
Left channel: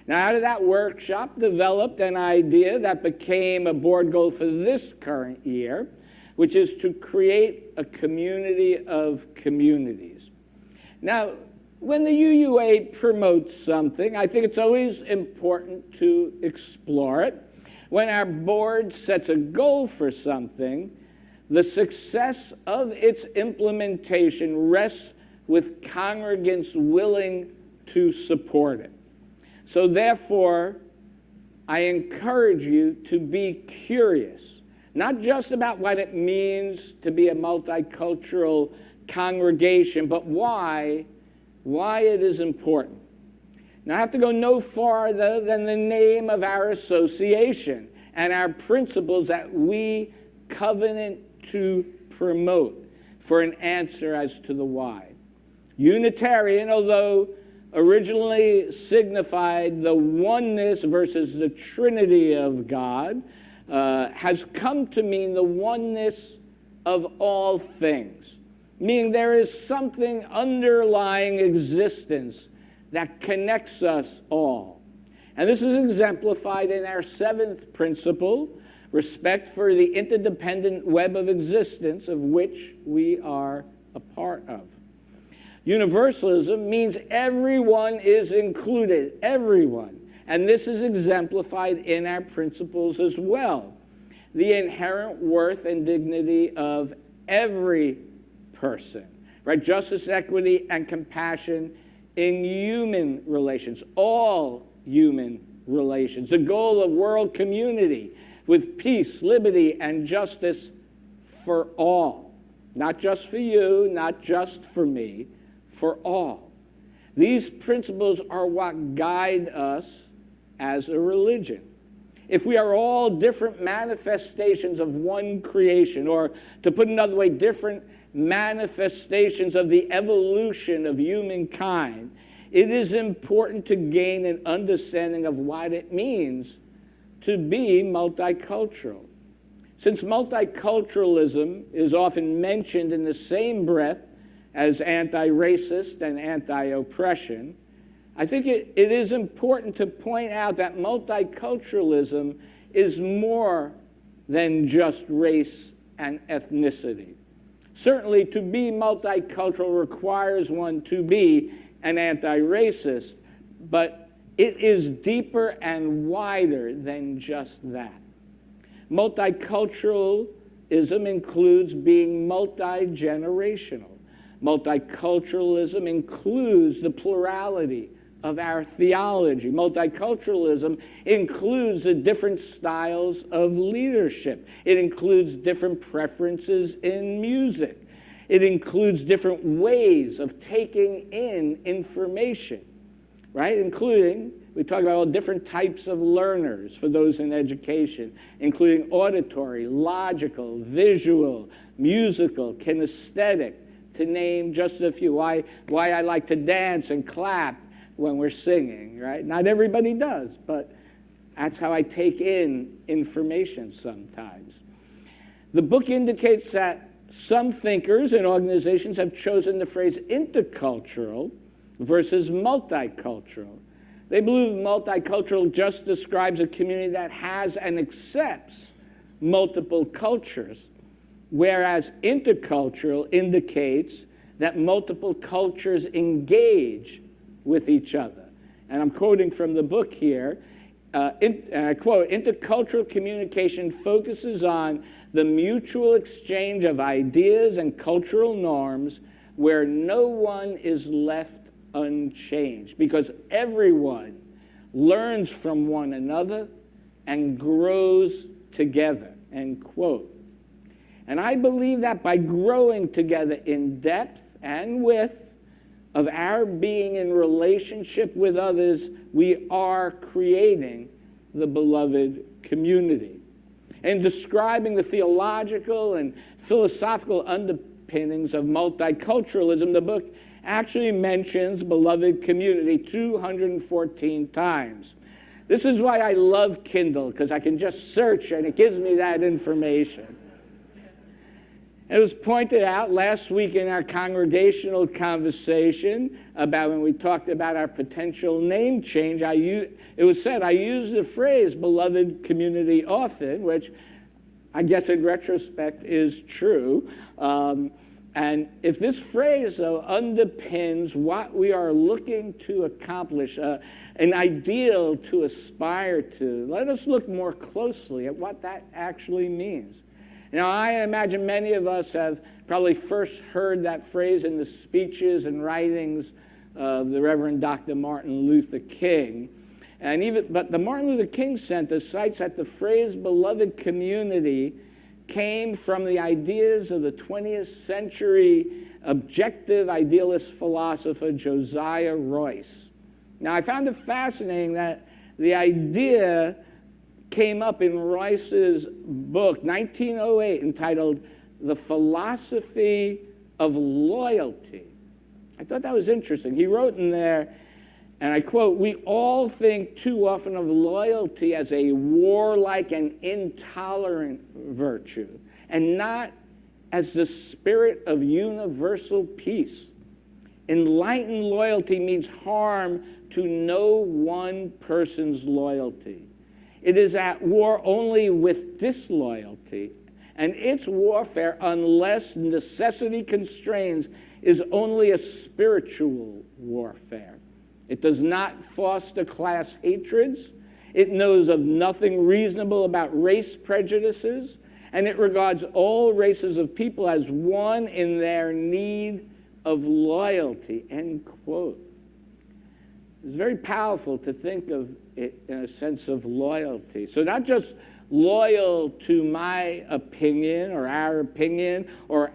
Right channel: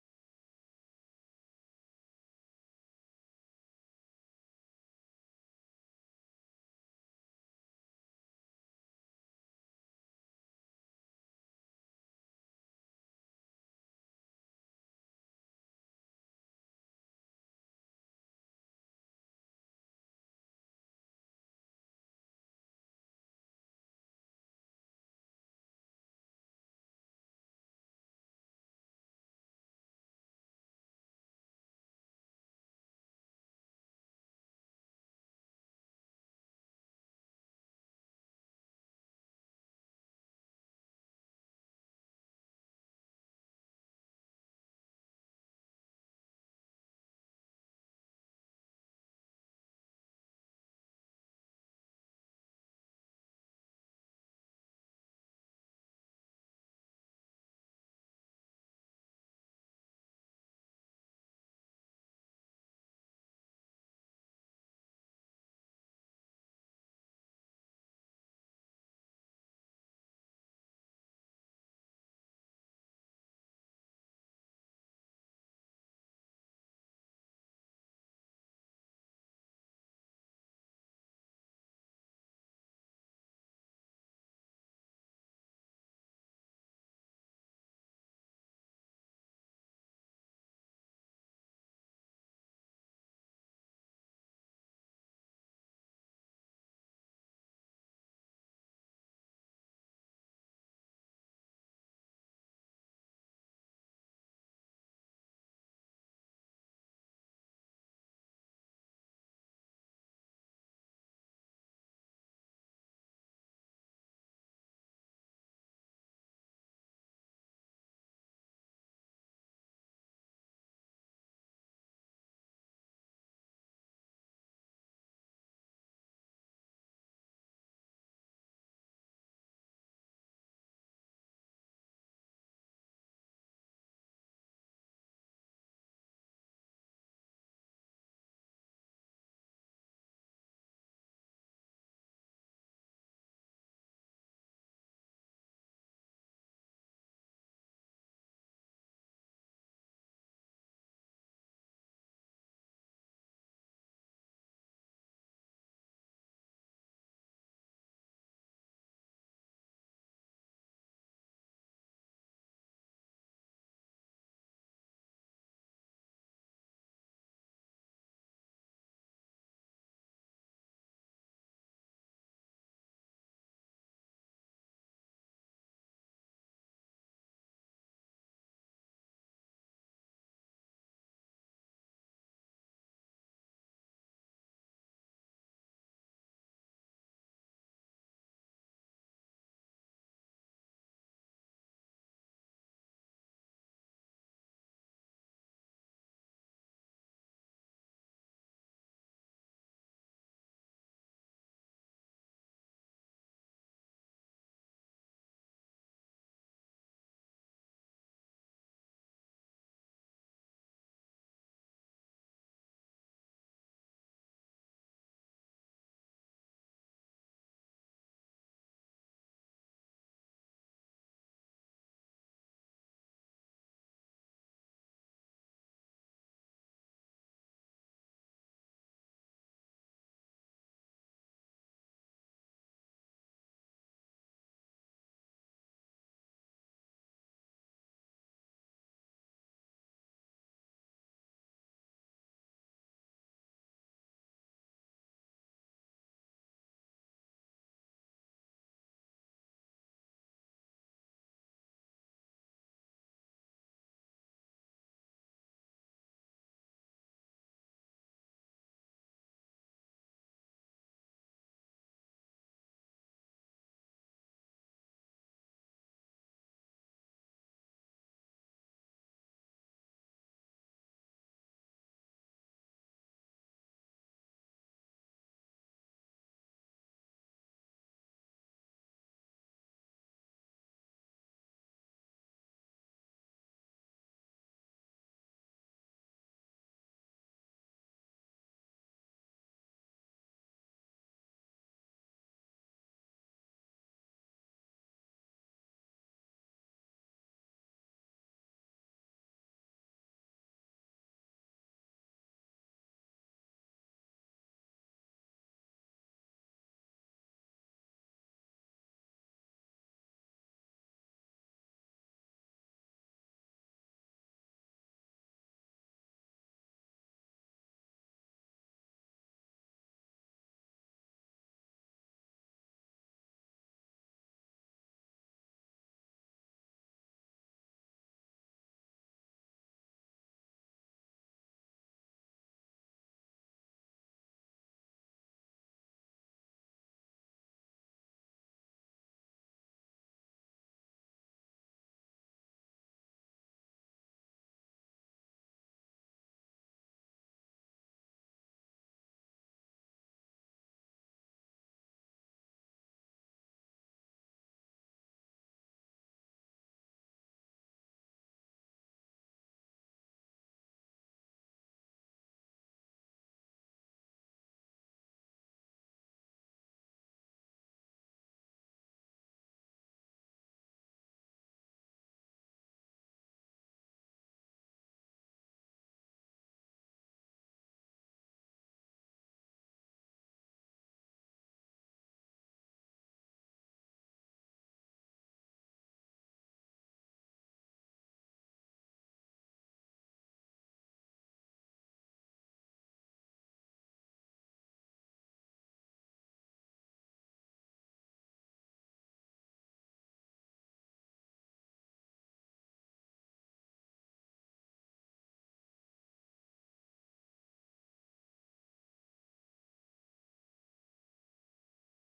Now, out of that workshop developed an idea that became a board goal for this current year, which is to create a community of communities. Now, when the UUA promotes something, I think it's always important to explore it. When our board sets a goal for something, the success of its implementation rests with congregants willing to support it. So therefore, I encourage you to be curious, not just about what it means to be a multicultural congregation, but why it is important. Now, I have to go no farther than the name of our association and our principles that we covenant to promote for an answer as to the why. Unitarian, although originally signified the oneness versus the Trinity of God, has come to mean the oneness of all things, meaning there is something underlying existence that connects us all. And this is exemplified in our 7th principle, respect for the interdependent web of existence of which we are a part of. Universalism means everyone is included, everyone. And this is exemplified in our principles as well. The inherent worth and dignity of every person, right? Justice, equity, and compassion in human relations, all human relations. The goal of world community with peace, liberty, and justice for all. Not just for you, not just for me, for all. These principles are what guide us as a religion. If we are all different manifestations of one creation, or to put another way, different manifestations of the evolution of humankind, it is important to gain an understanding of what it means to be multicultural. Since multiculturalism is often mentioned in the same breath as anti-racist and anti-oppression, I think it is important to point out that multiculturalism is more than just race and ethnicity. Certainly, to be multicultural requires one to be an anti-racist, but it is deeper and wider than just that. Multiculturalism includes being multi-generational. Multiculturalism includes the plurality of our theology. Multiculturalism includes the different styles of leadership. It includes different preferences in music. It includes different ways of taking in information, right? Including, we talk about all different types of learners for those in education, including auditory, logical, visual, musical, kinesthetic, to name just a few. Why I like to dance and clap when we're singing, right? Not everybody does, but that's how I take in information sometimes. The book indicates that some thinkers and organizations have chosen the phrase intercultural versus multicultural. They believe multicultural just describes a community that has and accepts multiple cultures, whereas intercultural indicates that multiple cultures engage with each other. And I'm quoting from the book here, and I quote, "Intercultural communication focuses on the mutual exchange of ideas and cultural norms where no one is left unchanged, because everyone learns from one another and grows together," end quote. And I believe that by growing together in depth and width of our being in relationship with others, we are creating the beloved community. In describing the theological and philosophical underpinnings of multiculturalism, the book actually mentions beloved community 214 times. This is why I love Kindle, because I can just search and it gives me that information. It was pointed out last week in our congregational conversation about when we talked about our potential name change. It was said I use the phrase beloved community often, which I guess in retrospect is true. And if this phrase, though, underpins what we are looking to accomplish, an ideal to aspire to, let us look more closely at what that actually means. Now, I imagine many of us have probably first heard that phrase in the speeches and writings of the Reverend Dr. Martin Luther King. But the Martin Luther King Center cites that the phrase beloved community came from the ideas of the 20th century objective idealist philosopher Josiah Royce. Now, I found it fascinating that the idea came up in Royce's book, 1908, entitled The Philosophy of Loyalty. I thought that was interesting. He wrote in there, and I quote, "We all think too often of loyalty as a warlike and intolerant virtue, and not as the spirit of universal peace. Enlightened loyalty means harm to no one person's loyalty. It is at war only with disloyalty, and its warfare, unless necessity constrains, is only a spiritual warfare. It does not foster class hatreds. It knows of nothing reasonable about race prejudices, and it regards all races of people as one in their need of loyalty," end quote. It's very powerful to think of it in a sense of loyalty. So not just loyal to my opinion or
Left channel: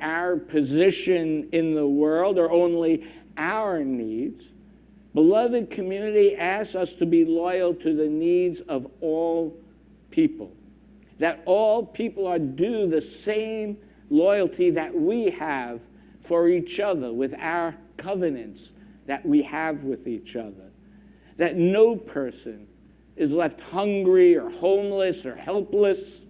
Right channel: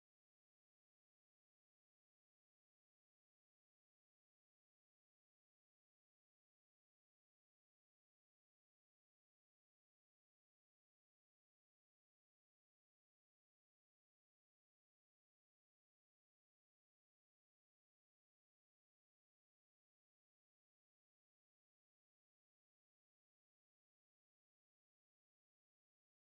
our position in the world or only our needs. Beloved community asks us to be loyal to the needs of all people. That all people are due the same loyalty that we have for each other with our covenants that we have with each other. That no person is left hungry or homeless or helpless.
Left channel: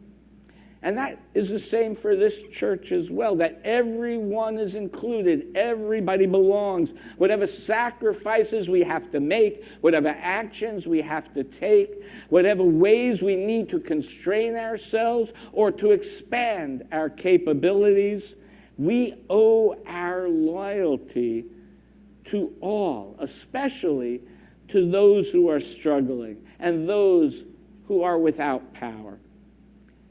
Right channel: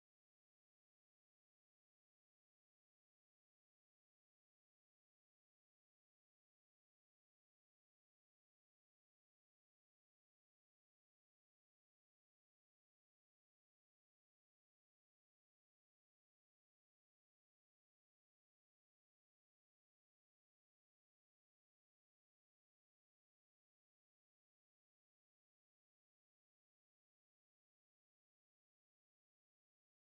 And that is the same for this church as well, that everyone is included, everybody belongs. Whatever sacrifices we have to make, whatever actions we have to take, whatever ways we need to constrain ourselves or to expand our capabilities, we owe our loyalty to all, especially to those who are struggling and those who are without power.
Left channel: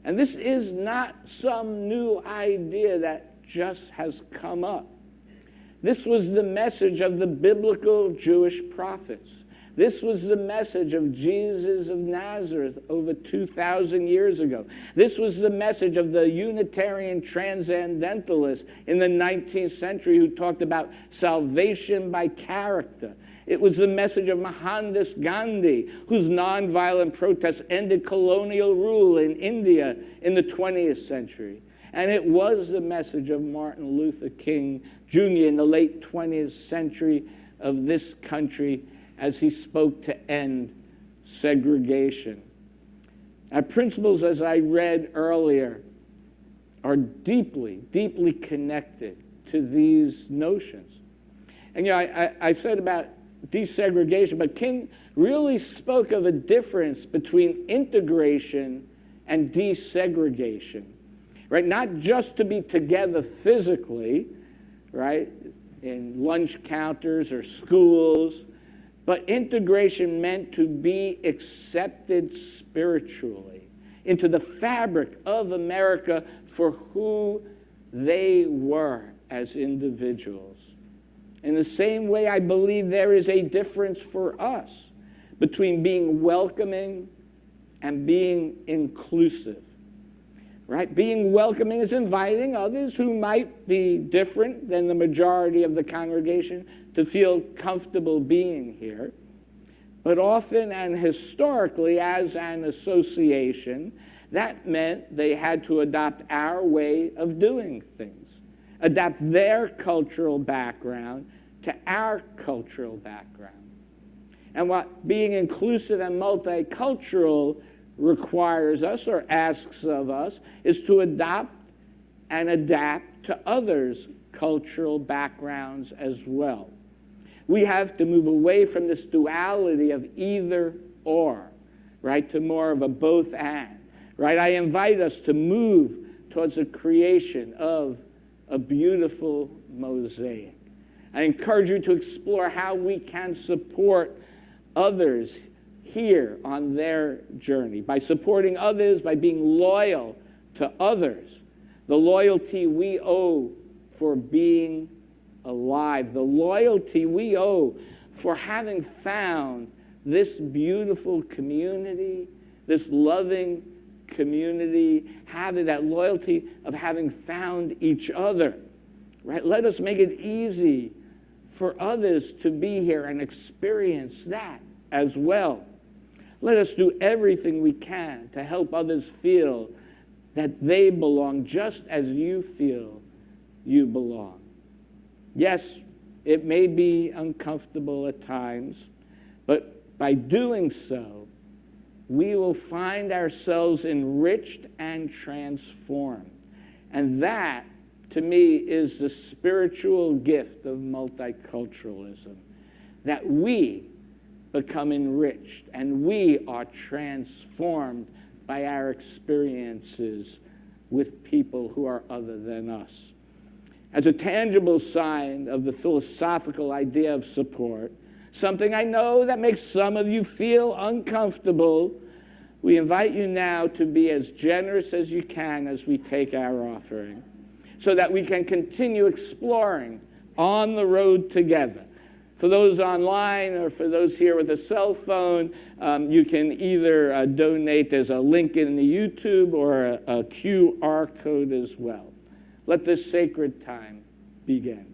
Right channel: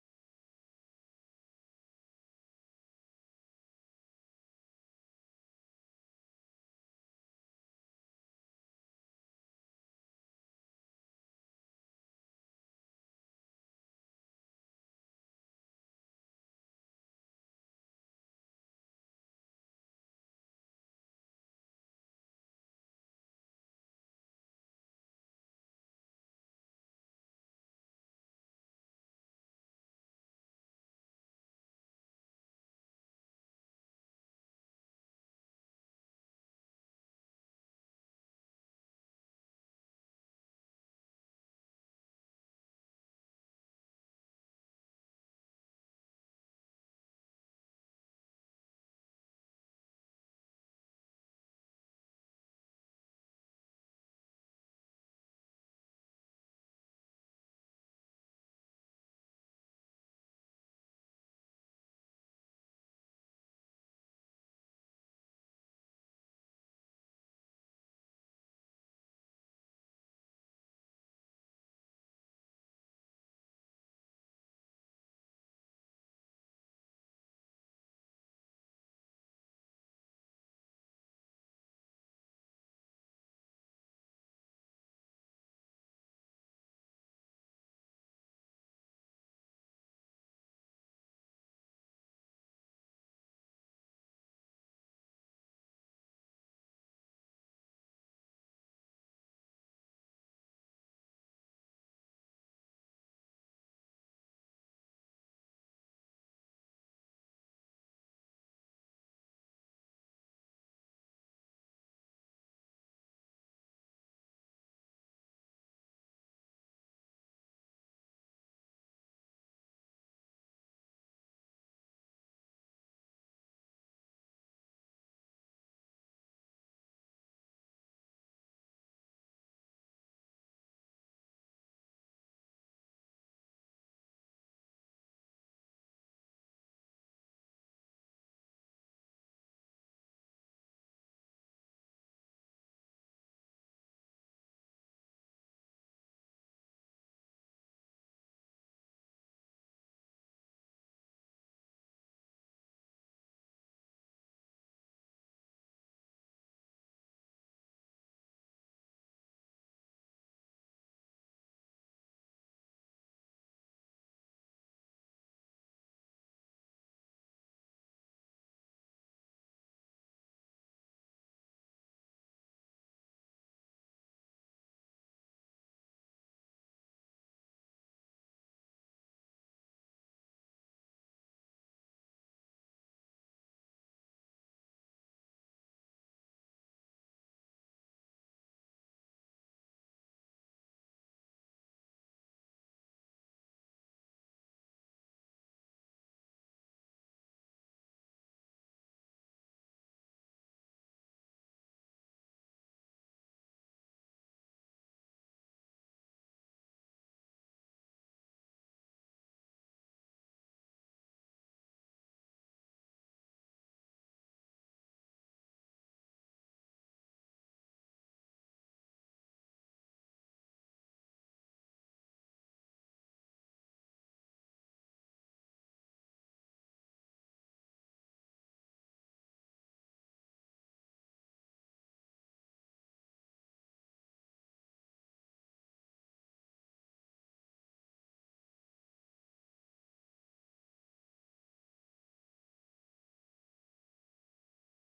And this is not some new idea that just has come up. This was the message of the biblical Jewish prophets. This was the message of Jesus of Nazareth over 2,000 years ago. This was the message of the Unitarian transcendentalists in the 19th century who talked about salvation by character. It was the message of Mohandas Gandhi, whose nonviolent protests ended colonial rule in India in the 20th century. And it was the message of Martin Luther King Jr. in the late 20th century of this country as he spoke to end segregation. Our principles, as I read earlier, are deeply, deeply connected to these notions. And I said about desegregation, but King really spoke of a difference between integration and desegregation, right? Not just to be together physically, right? in lunch counters or schools, but integration meant to be accepted spiritually into the fabric of America for who they were as individuals. In the same way, I believe there is a difference for us between being welcoming and being inclusive, right? Being welcoming is inviting others who might be different than the majority of the congregation to feel comfortable being here. But often and historically, as an association, that meant they had to adopt our way of doing things, adapt their cultural background to our cultural background. And what being inclusive and multicultural requires us or asks of us is to adopt and adapt to others' cultural backgrounds as well. We have to move away from this duality of either or, right, to more of a both and, right? I invite us to move towards a creation of a beautiful mosaic. I encourage you to explore how we can support others here on their journey, by supporting others, by being loyal to others, the loyalty we owe for being alive, the loyalty we owe for having found this beautiful community, this loving community, having that loyalty of having found each other, right? Let us make it easy for others to be here and experience that as well. Let us do everything we can to help others feel that they belong just as you feel you belong. Yes, it may be uncomfortable at times, but by doing so, we will find ourselves enriched and transformed. And that, to me, is the spiritual gift of multiculturalism, that we become enriched and we are transformed by our experiences with people who are other than us. As a tangible sign of the philosophical idea of support, something I know that makes some of you feel uncomfortable, we invite you now to be as generous as you can as we take our offering, so that we can continue exploring on the road together. For those online or for those here with a cell phone, you can either donate. There's a link in the YouTube or a QR code as well. Let this sacred time begin.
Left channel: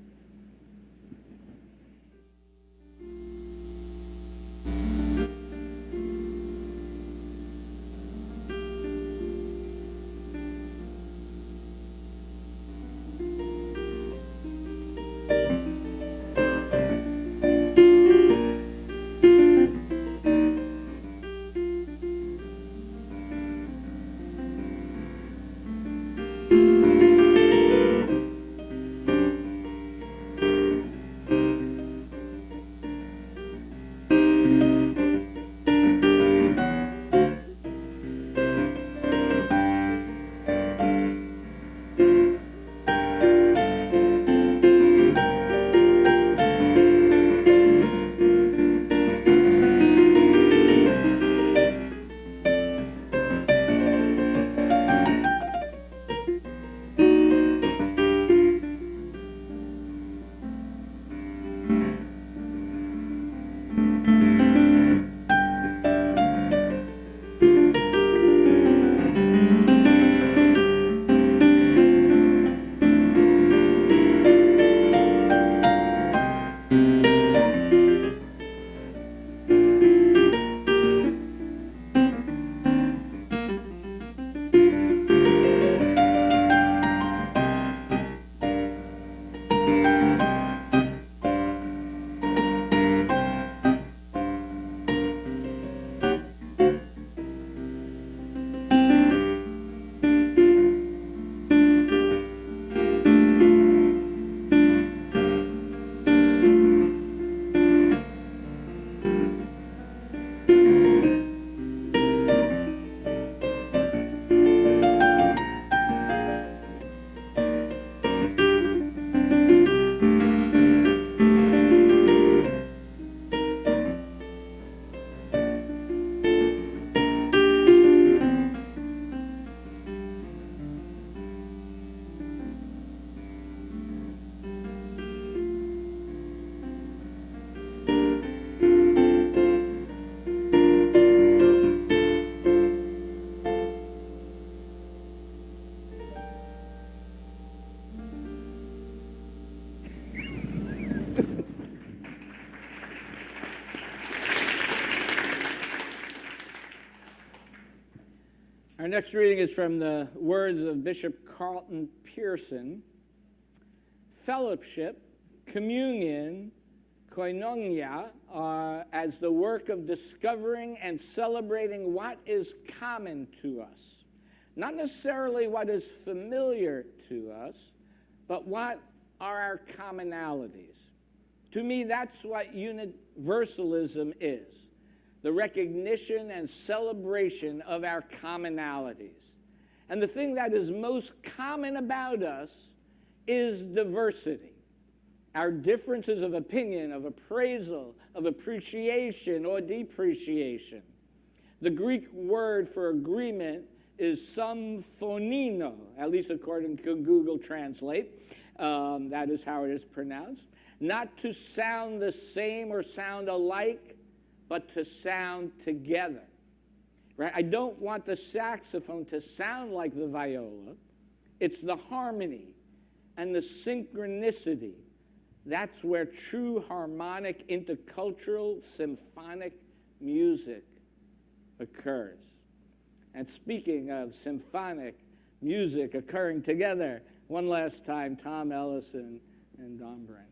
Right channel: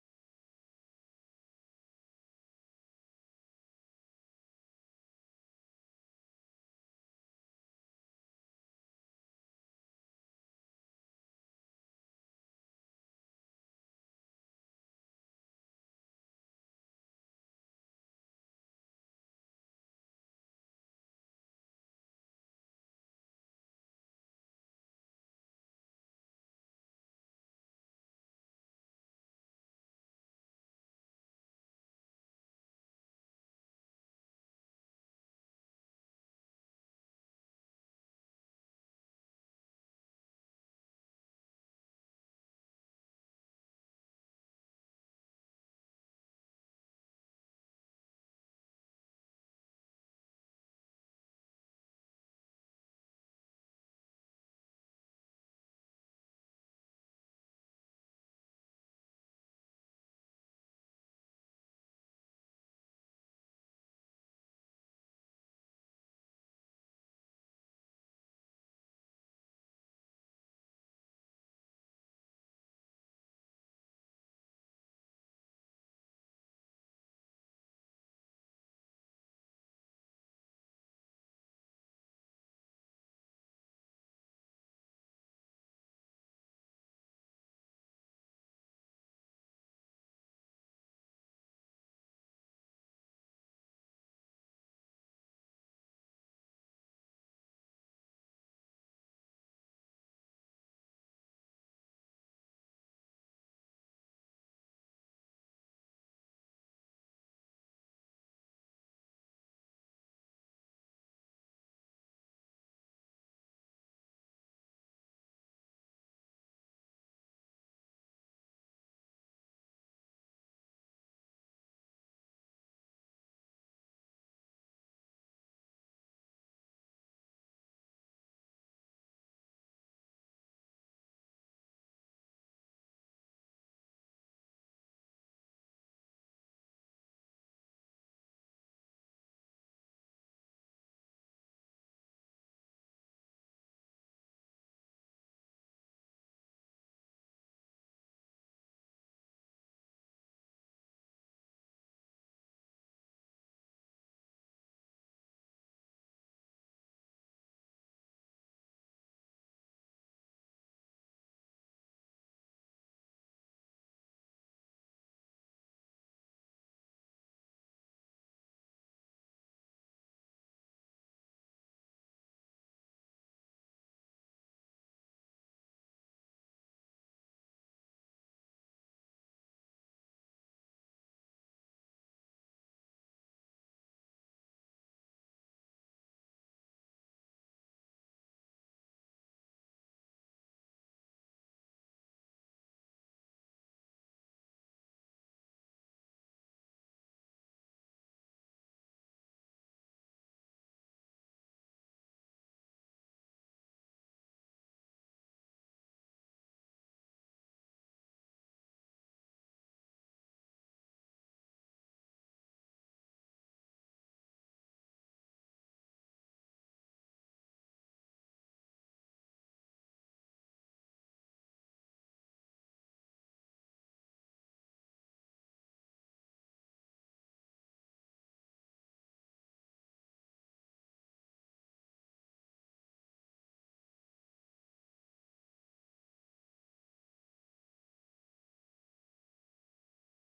Our next reading is from the words of Bishop Carlton Pearson. Fellowship, communion, koinonia are as the work of discovering and celebrating what is common to us. Not necessarily what is familiar to us, but what are our commonalities. To me, that's what universalism is. The recognition and celebration of our commonalities. And the thing that is most common about us is diversity. Our differences of opinion, of appraisal, of appreciation or depreciation. The Greek word for agreement is symphonino, at least according to Google Translate. That is how it is pronounced. Not to sound the same or sound alike, but to sound together. Right? I don't want the saxophone to sound like the viola. It's the harmony and the synchronicity. That's where true harmonic, intercultural, symphonic music occurs. And speaking of symphonic music occurring together, one last time, Tom Ellison and Don Brent.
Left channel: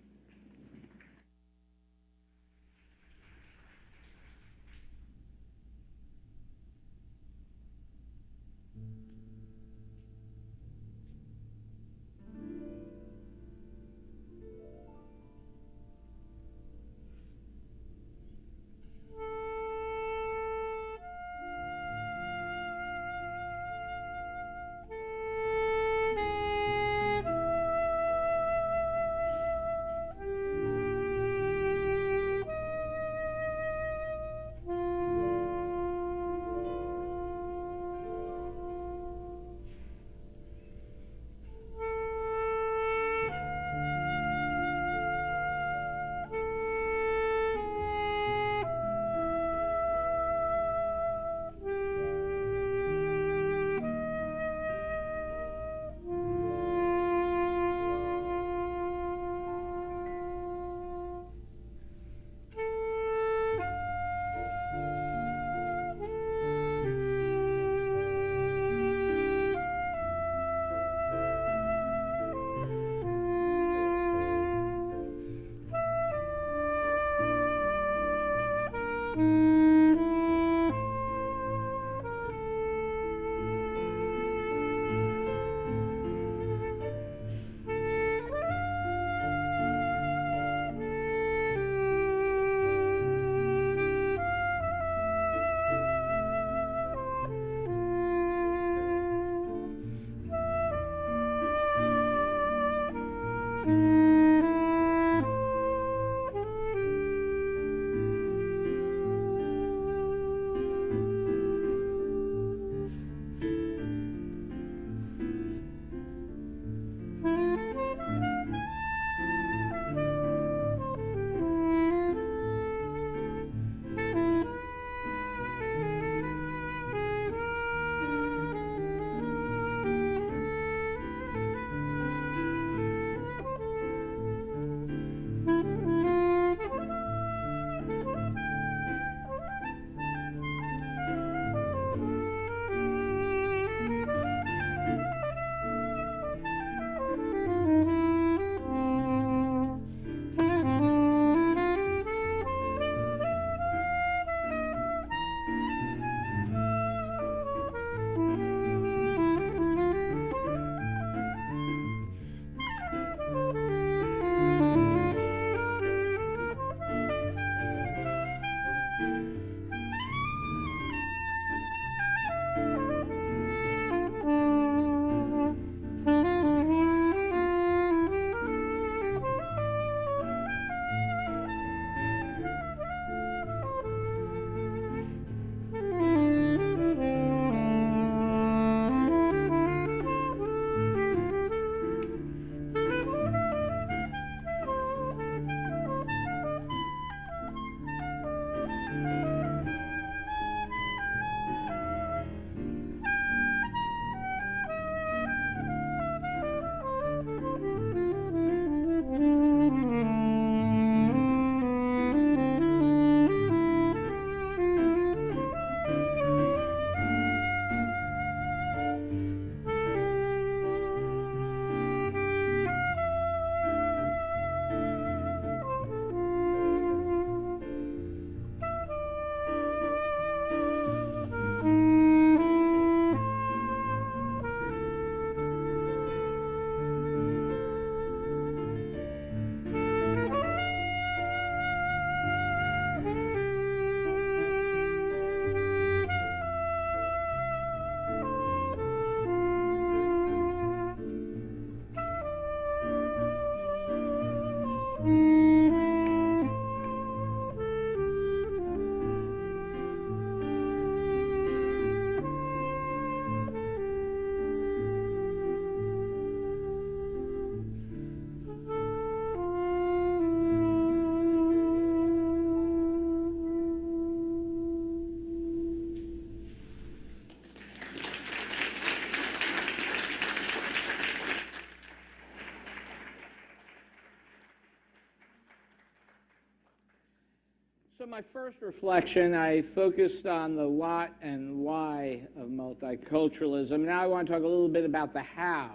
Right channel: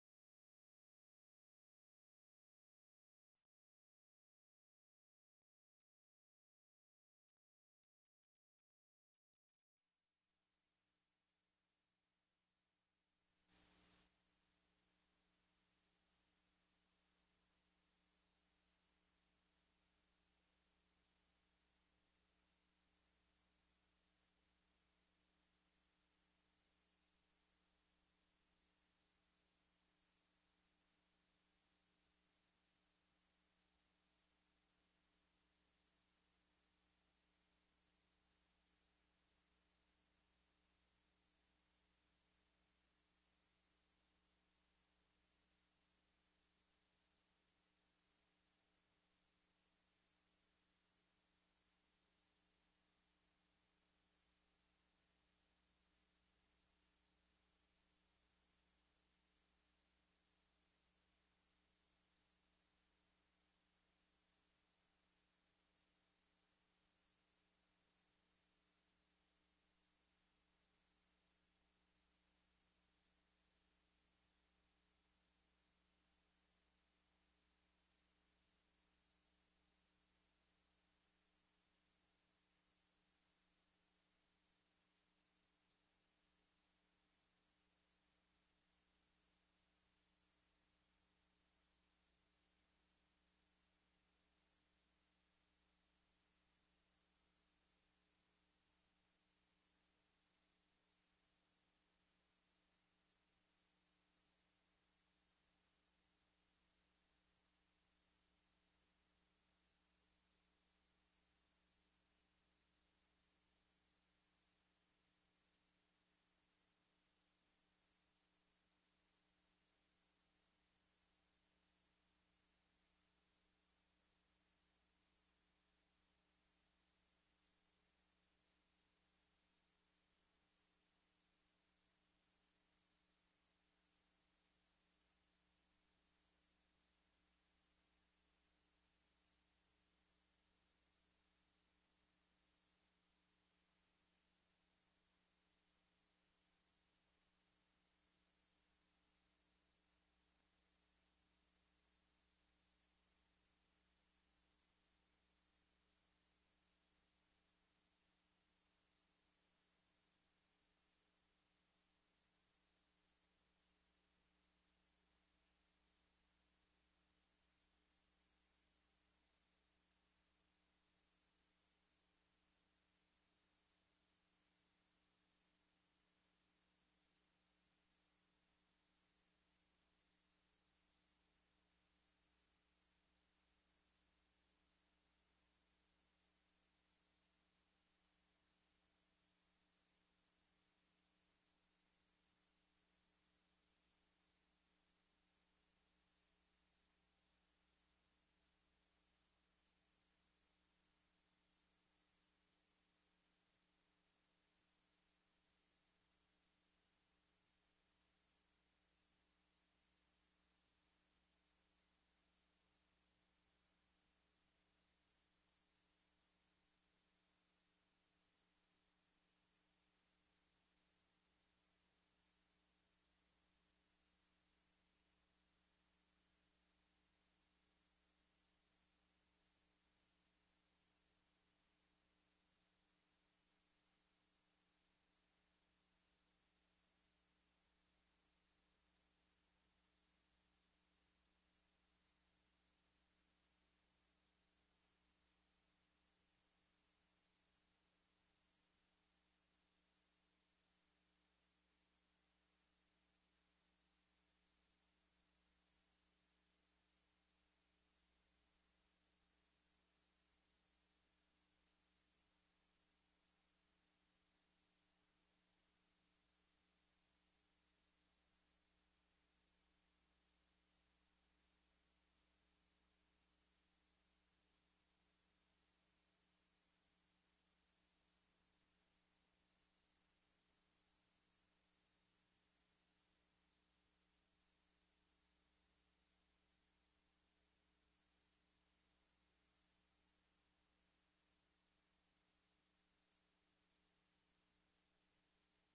my first reflection, I focused on the what and why of multiculturalism. Now I want to talk a little bit about the how.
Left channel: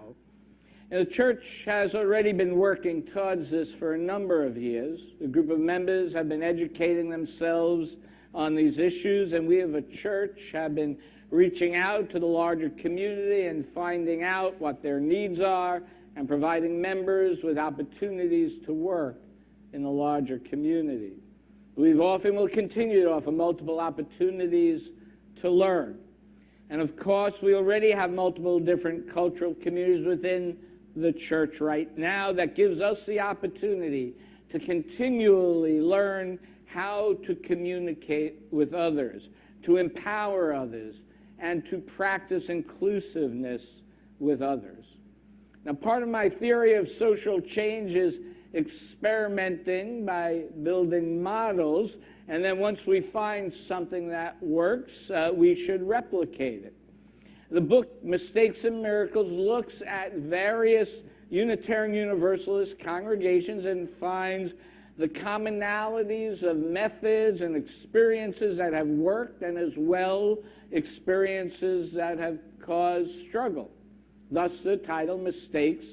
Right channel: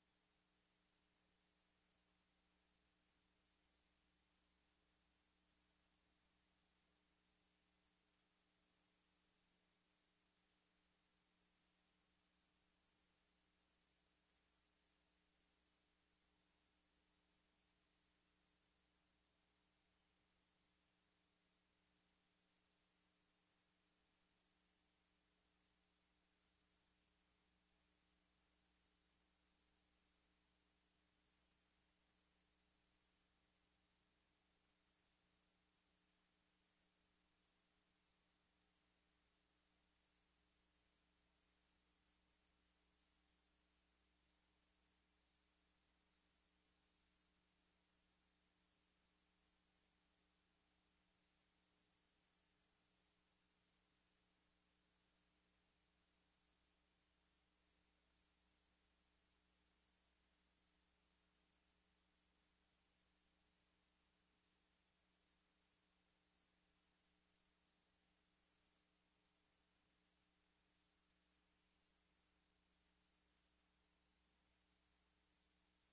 And the church has already been working towards this for a number of years. A group of members have been educating themselves on these issues, and we as a church have been reaching out to the larger community and finding out what their needs are and providing members with opportunities to work in the larger community. We've often will continue to offer multiple opportunities to learn. And of course, we already have multiple different cultural communities within the church right now that gives us the opportunity to continually learn how to communicate with others, to empower others, and to practice inclusiveness with others. Now, part of my theory of social change is experimenting by building models, and then once we find something that works, we should replicate it. The book Mistakes and Miracles looks at various Unitarian Universalist congregations and finds the commonalities of methods and experiences that have worked, and as well experiences that have caused struggle. Thus the title, Mistakes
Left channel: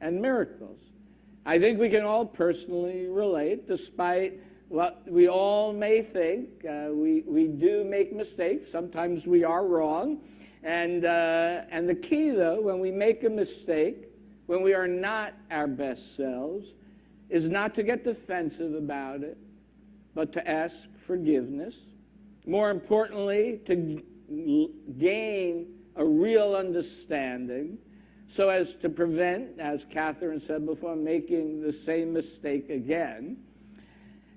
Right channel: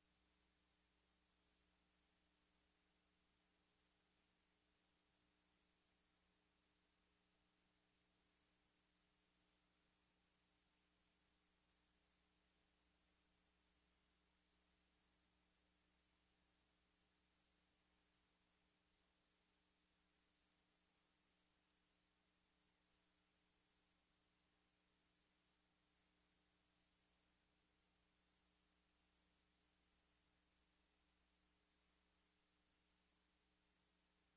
and Miracles. I think we can all personally relate, despite what we all may think. We do make mistakes. Sometimes we are wrong. And the key, though, when we make a mistake, when we are not our best selves, is not to get defensive about it, but to ask forgiveness. More importantly, to gain a real understanding so as to prevent, as Catherine said before, making the same mistake again.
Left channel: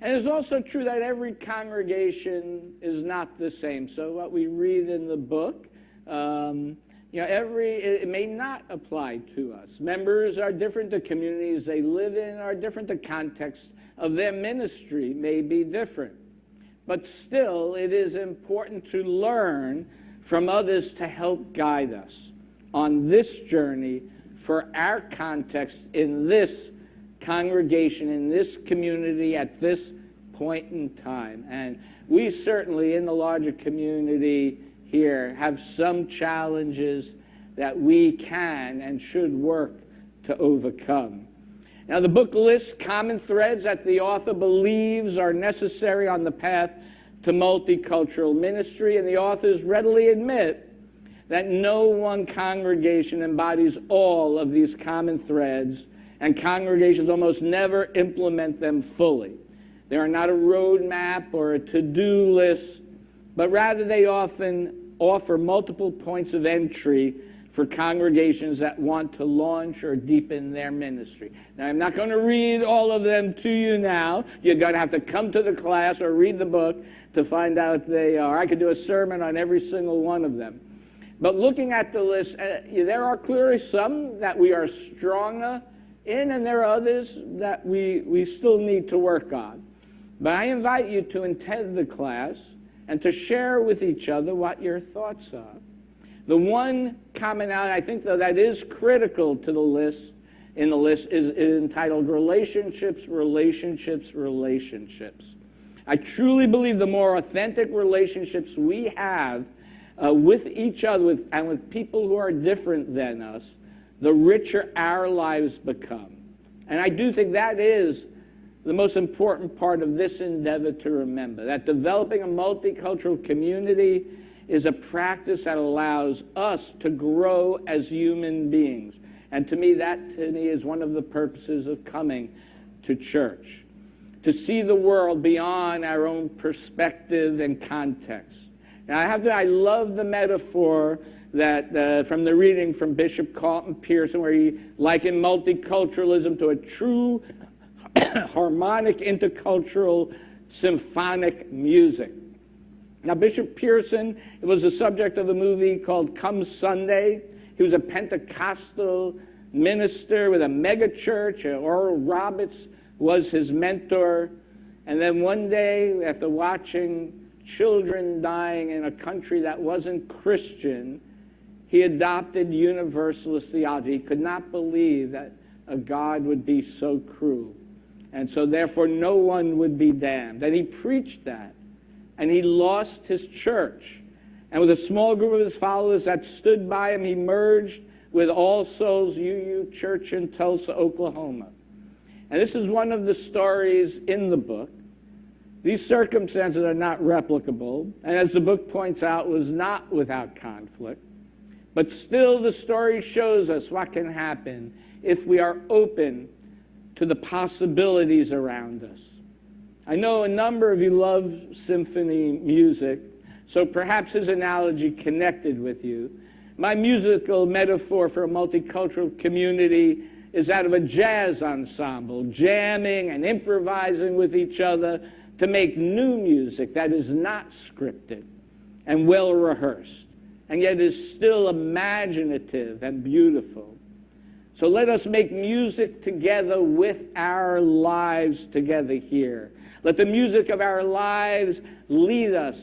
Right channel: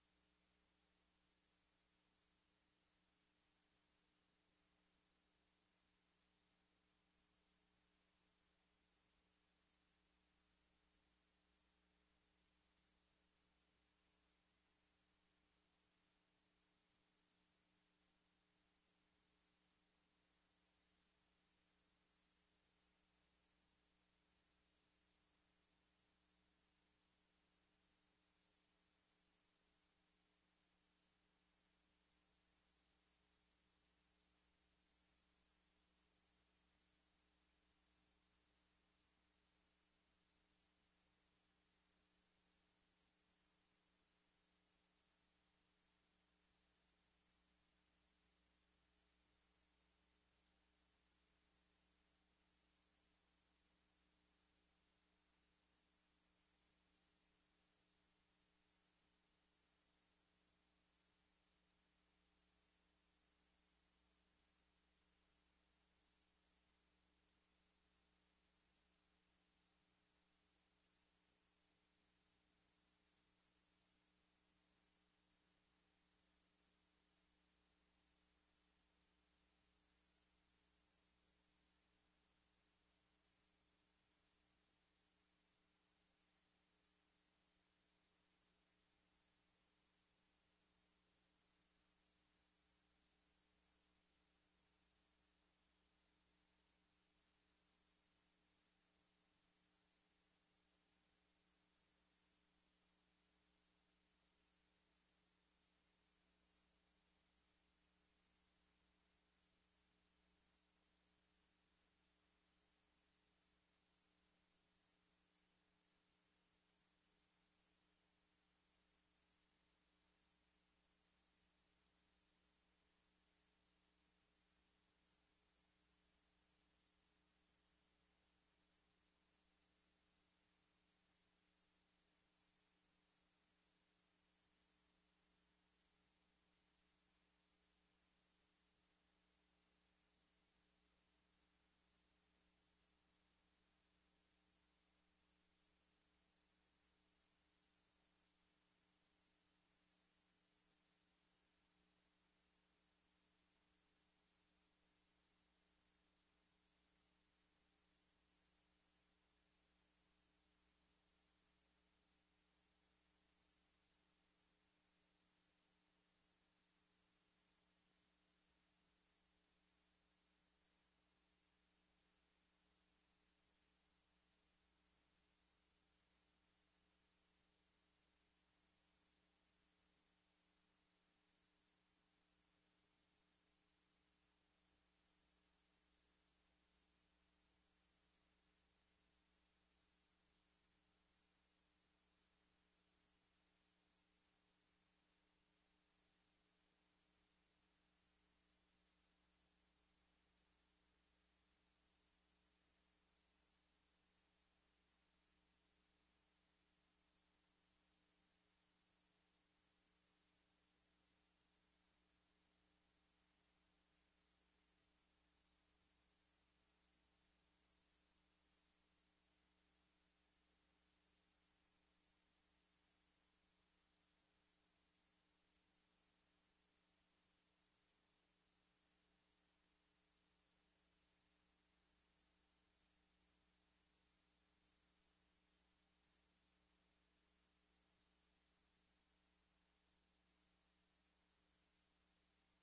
And it's also true that every congregation is not the same. So what we read in the book, it may not apply to us. Members are different. The communities they live in are different. The context of their ministry may be different. But still, it is important to learn from others to help guide us on this journey for our context in this congregation, in this community, at this point in time. And we certainly, in the larger community here, have some challenges that we can and should work to overcome. Now, the book lists common threads that the author believes are necessary on the path to multicultural ministry, and the authors readily admit that no one congregation embodies all of these common threads, and congregations almost never implement them fully. They are not a roadmap or a to-do list, but rather they often offer multiple points of entry for congregations that want to launch or deepen their ministry. Now, I'm not going to read all of them to you now. You're going to have to come to the class or read the book to find out they are. I could do a sermon on every single one of them. But looking at the list, there are clearly some that we are stronger in, and there are others that we still need to work on. But I invite you to attend the class and to share with each other what your thoughts are. The one commonality, I think, though, that is critical to the list, is entitled Relationships, Relationships, Relationships. I truly believe the more authentic relationships we have with each other and with people who are different than us, the richer our lives become. And I do think that is the most important part of this endeavor to remember, that developing a multicultural community is a practice that allows us to grow as human beings. And to me, that is one of the purposes of coming to church, to see the world beyond our own perspective and context. Now, I love the metaphor that from the reading from Bishop Carlton Pearson, where he likened multiculturalism to a true harmonic intercultural symphonic music. Now, Bishop Pearson was the subject of a movie called Come Sunday. He was a Pentecostal minister with a mega church. Oral Roberts was his mentor. And then one day, after watching children dying in a country that wasn't Christian, he adopted Universalist theology. He could not believe that a God would be so cruel. And so therefore no one would be damned. And he preached that. And he lost his church. And with a small group of his followers that stood by him, he merged with All Souls UU Church in Tulsa, Oklahoma. And this is one of the stories in the book. These circumstances are not replicable, and as the book points out, was not without conflict. But still, the story shows us what can happen if we are open to the possibilities around us. I know a number of you love symphony music, so perhaps his analogy connected with you. My musical metaphor for a multicultural community is that of a jazz ensemble, jamming and improvising with each other to make new music that is not scripted and well rehearsed, and yet is still imaginative and beautiful. So let us make music together with our lives together here. Let the music of our lives lead us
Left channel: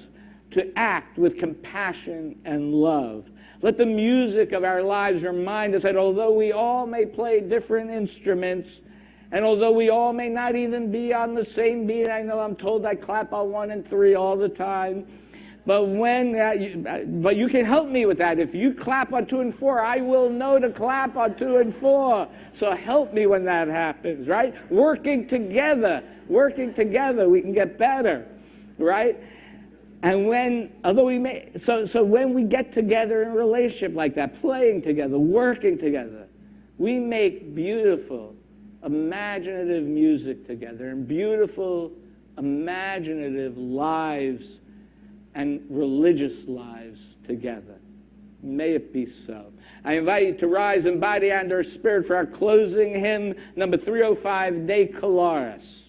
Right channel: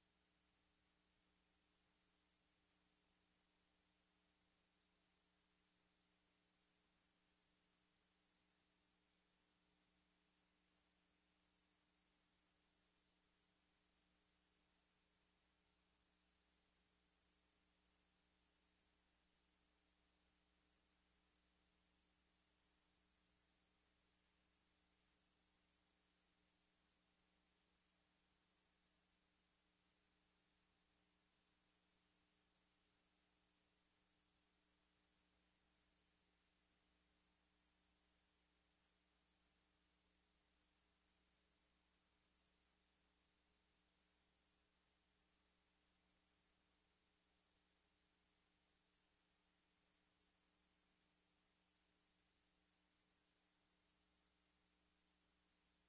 to act with compassion and love. Let the music of our lives remind us that although we all may play different instruments, and although we all may not even be on the same beat, I know I'm told I clap on 1 and 3 all the time, but you can help me with that. If you clap on 2 and 4, I will know to clap on 2 and 4. So help me when that happens, right? Working together, we can get better, right? And when we get together in a relationship like that, playing together, working together, we make beautiful, imaginative music together and beautiful, imaginative lives and religious lives together. May it be so. I invite you to rise in body and or spirit for our closing hymn, number 305, De Colaris.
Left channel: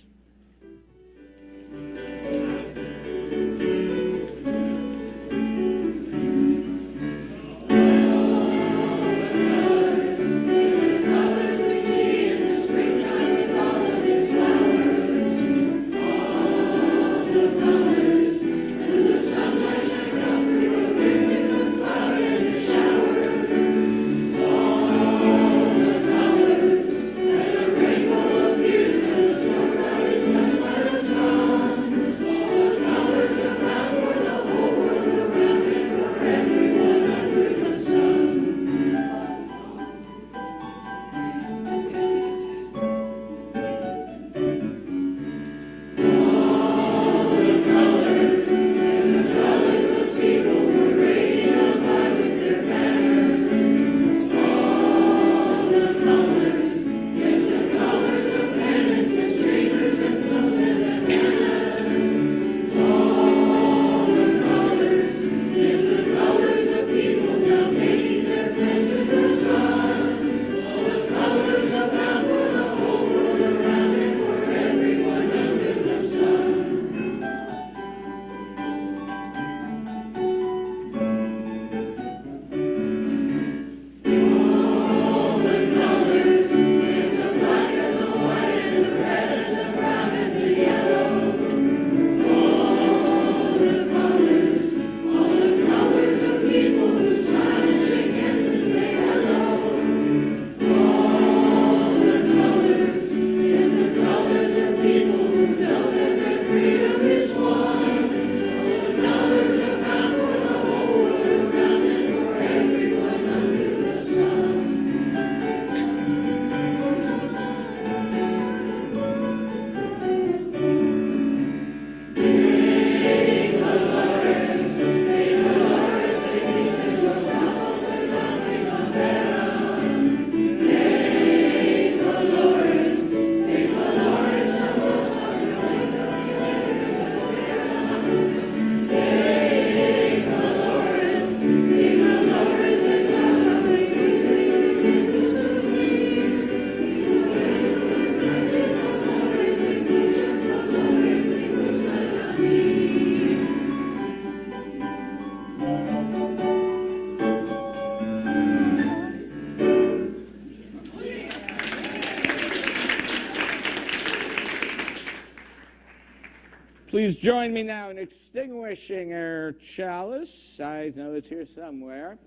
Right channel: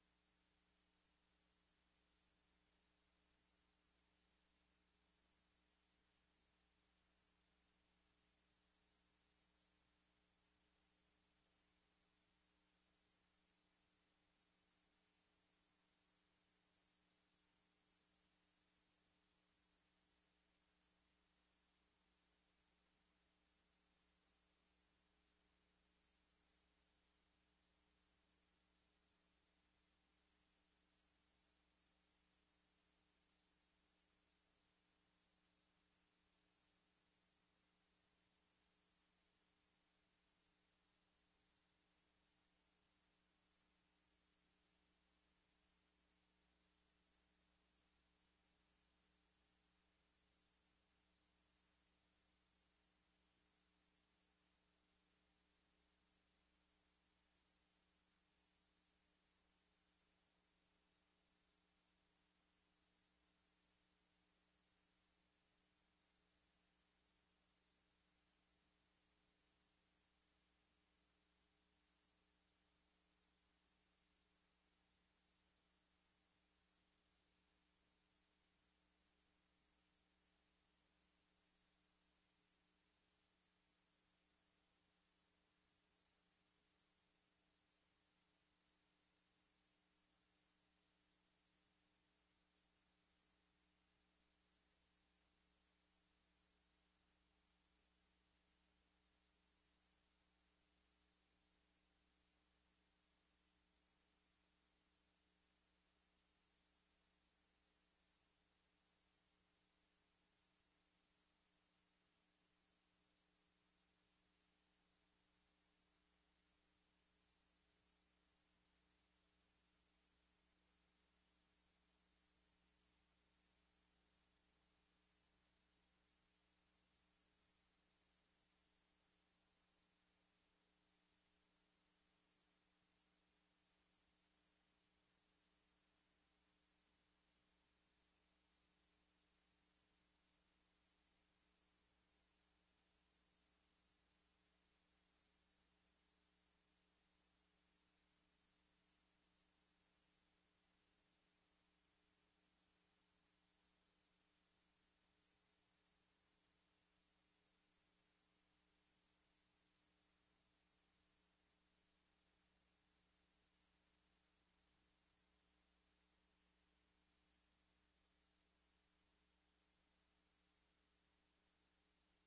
Please join me now in extinguishing our chalice. I know it's here somewhere.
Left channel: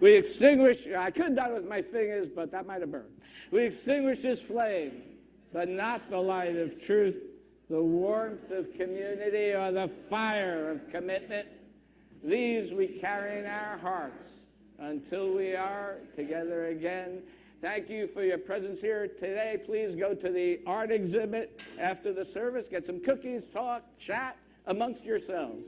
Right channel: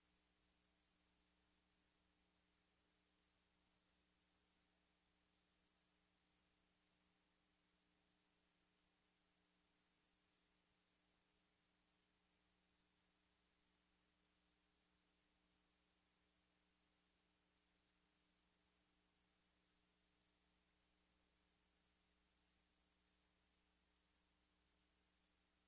We extinguish, I could have done it with my fingers, but that might have burned. We extinguish this flame but not the light of truth, the warmth of community, or the fire of commitment. These we carry in our hearts until we are together again. Thank you for your presence here today. Please go to the art exhibit after the service, get some cookies, talk, chat amongst yourselves.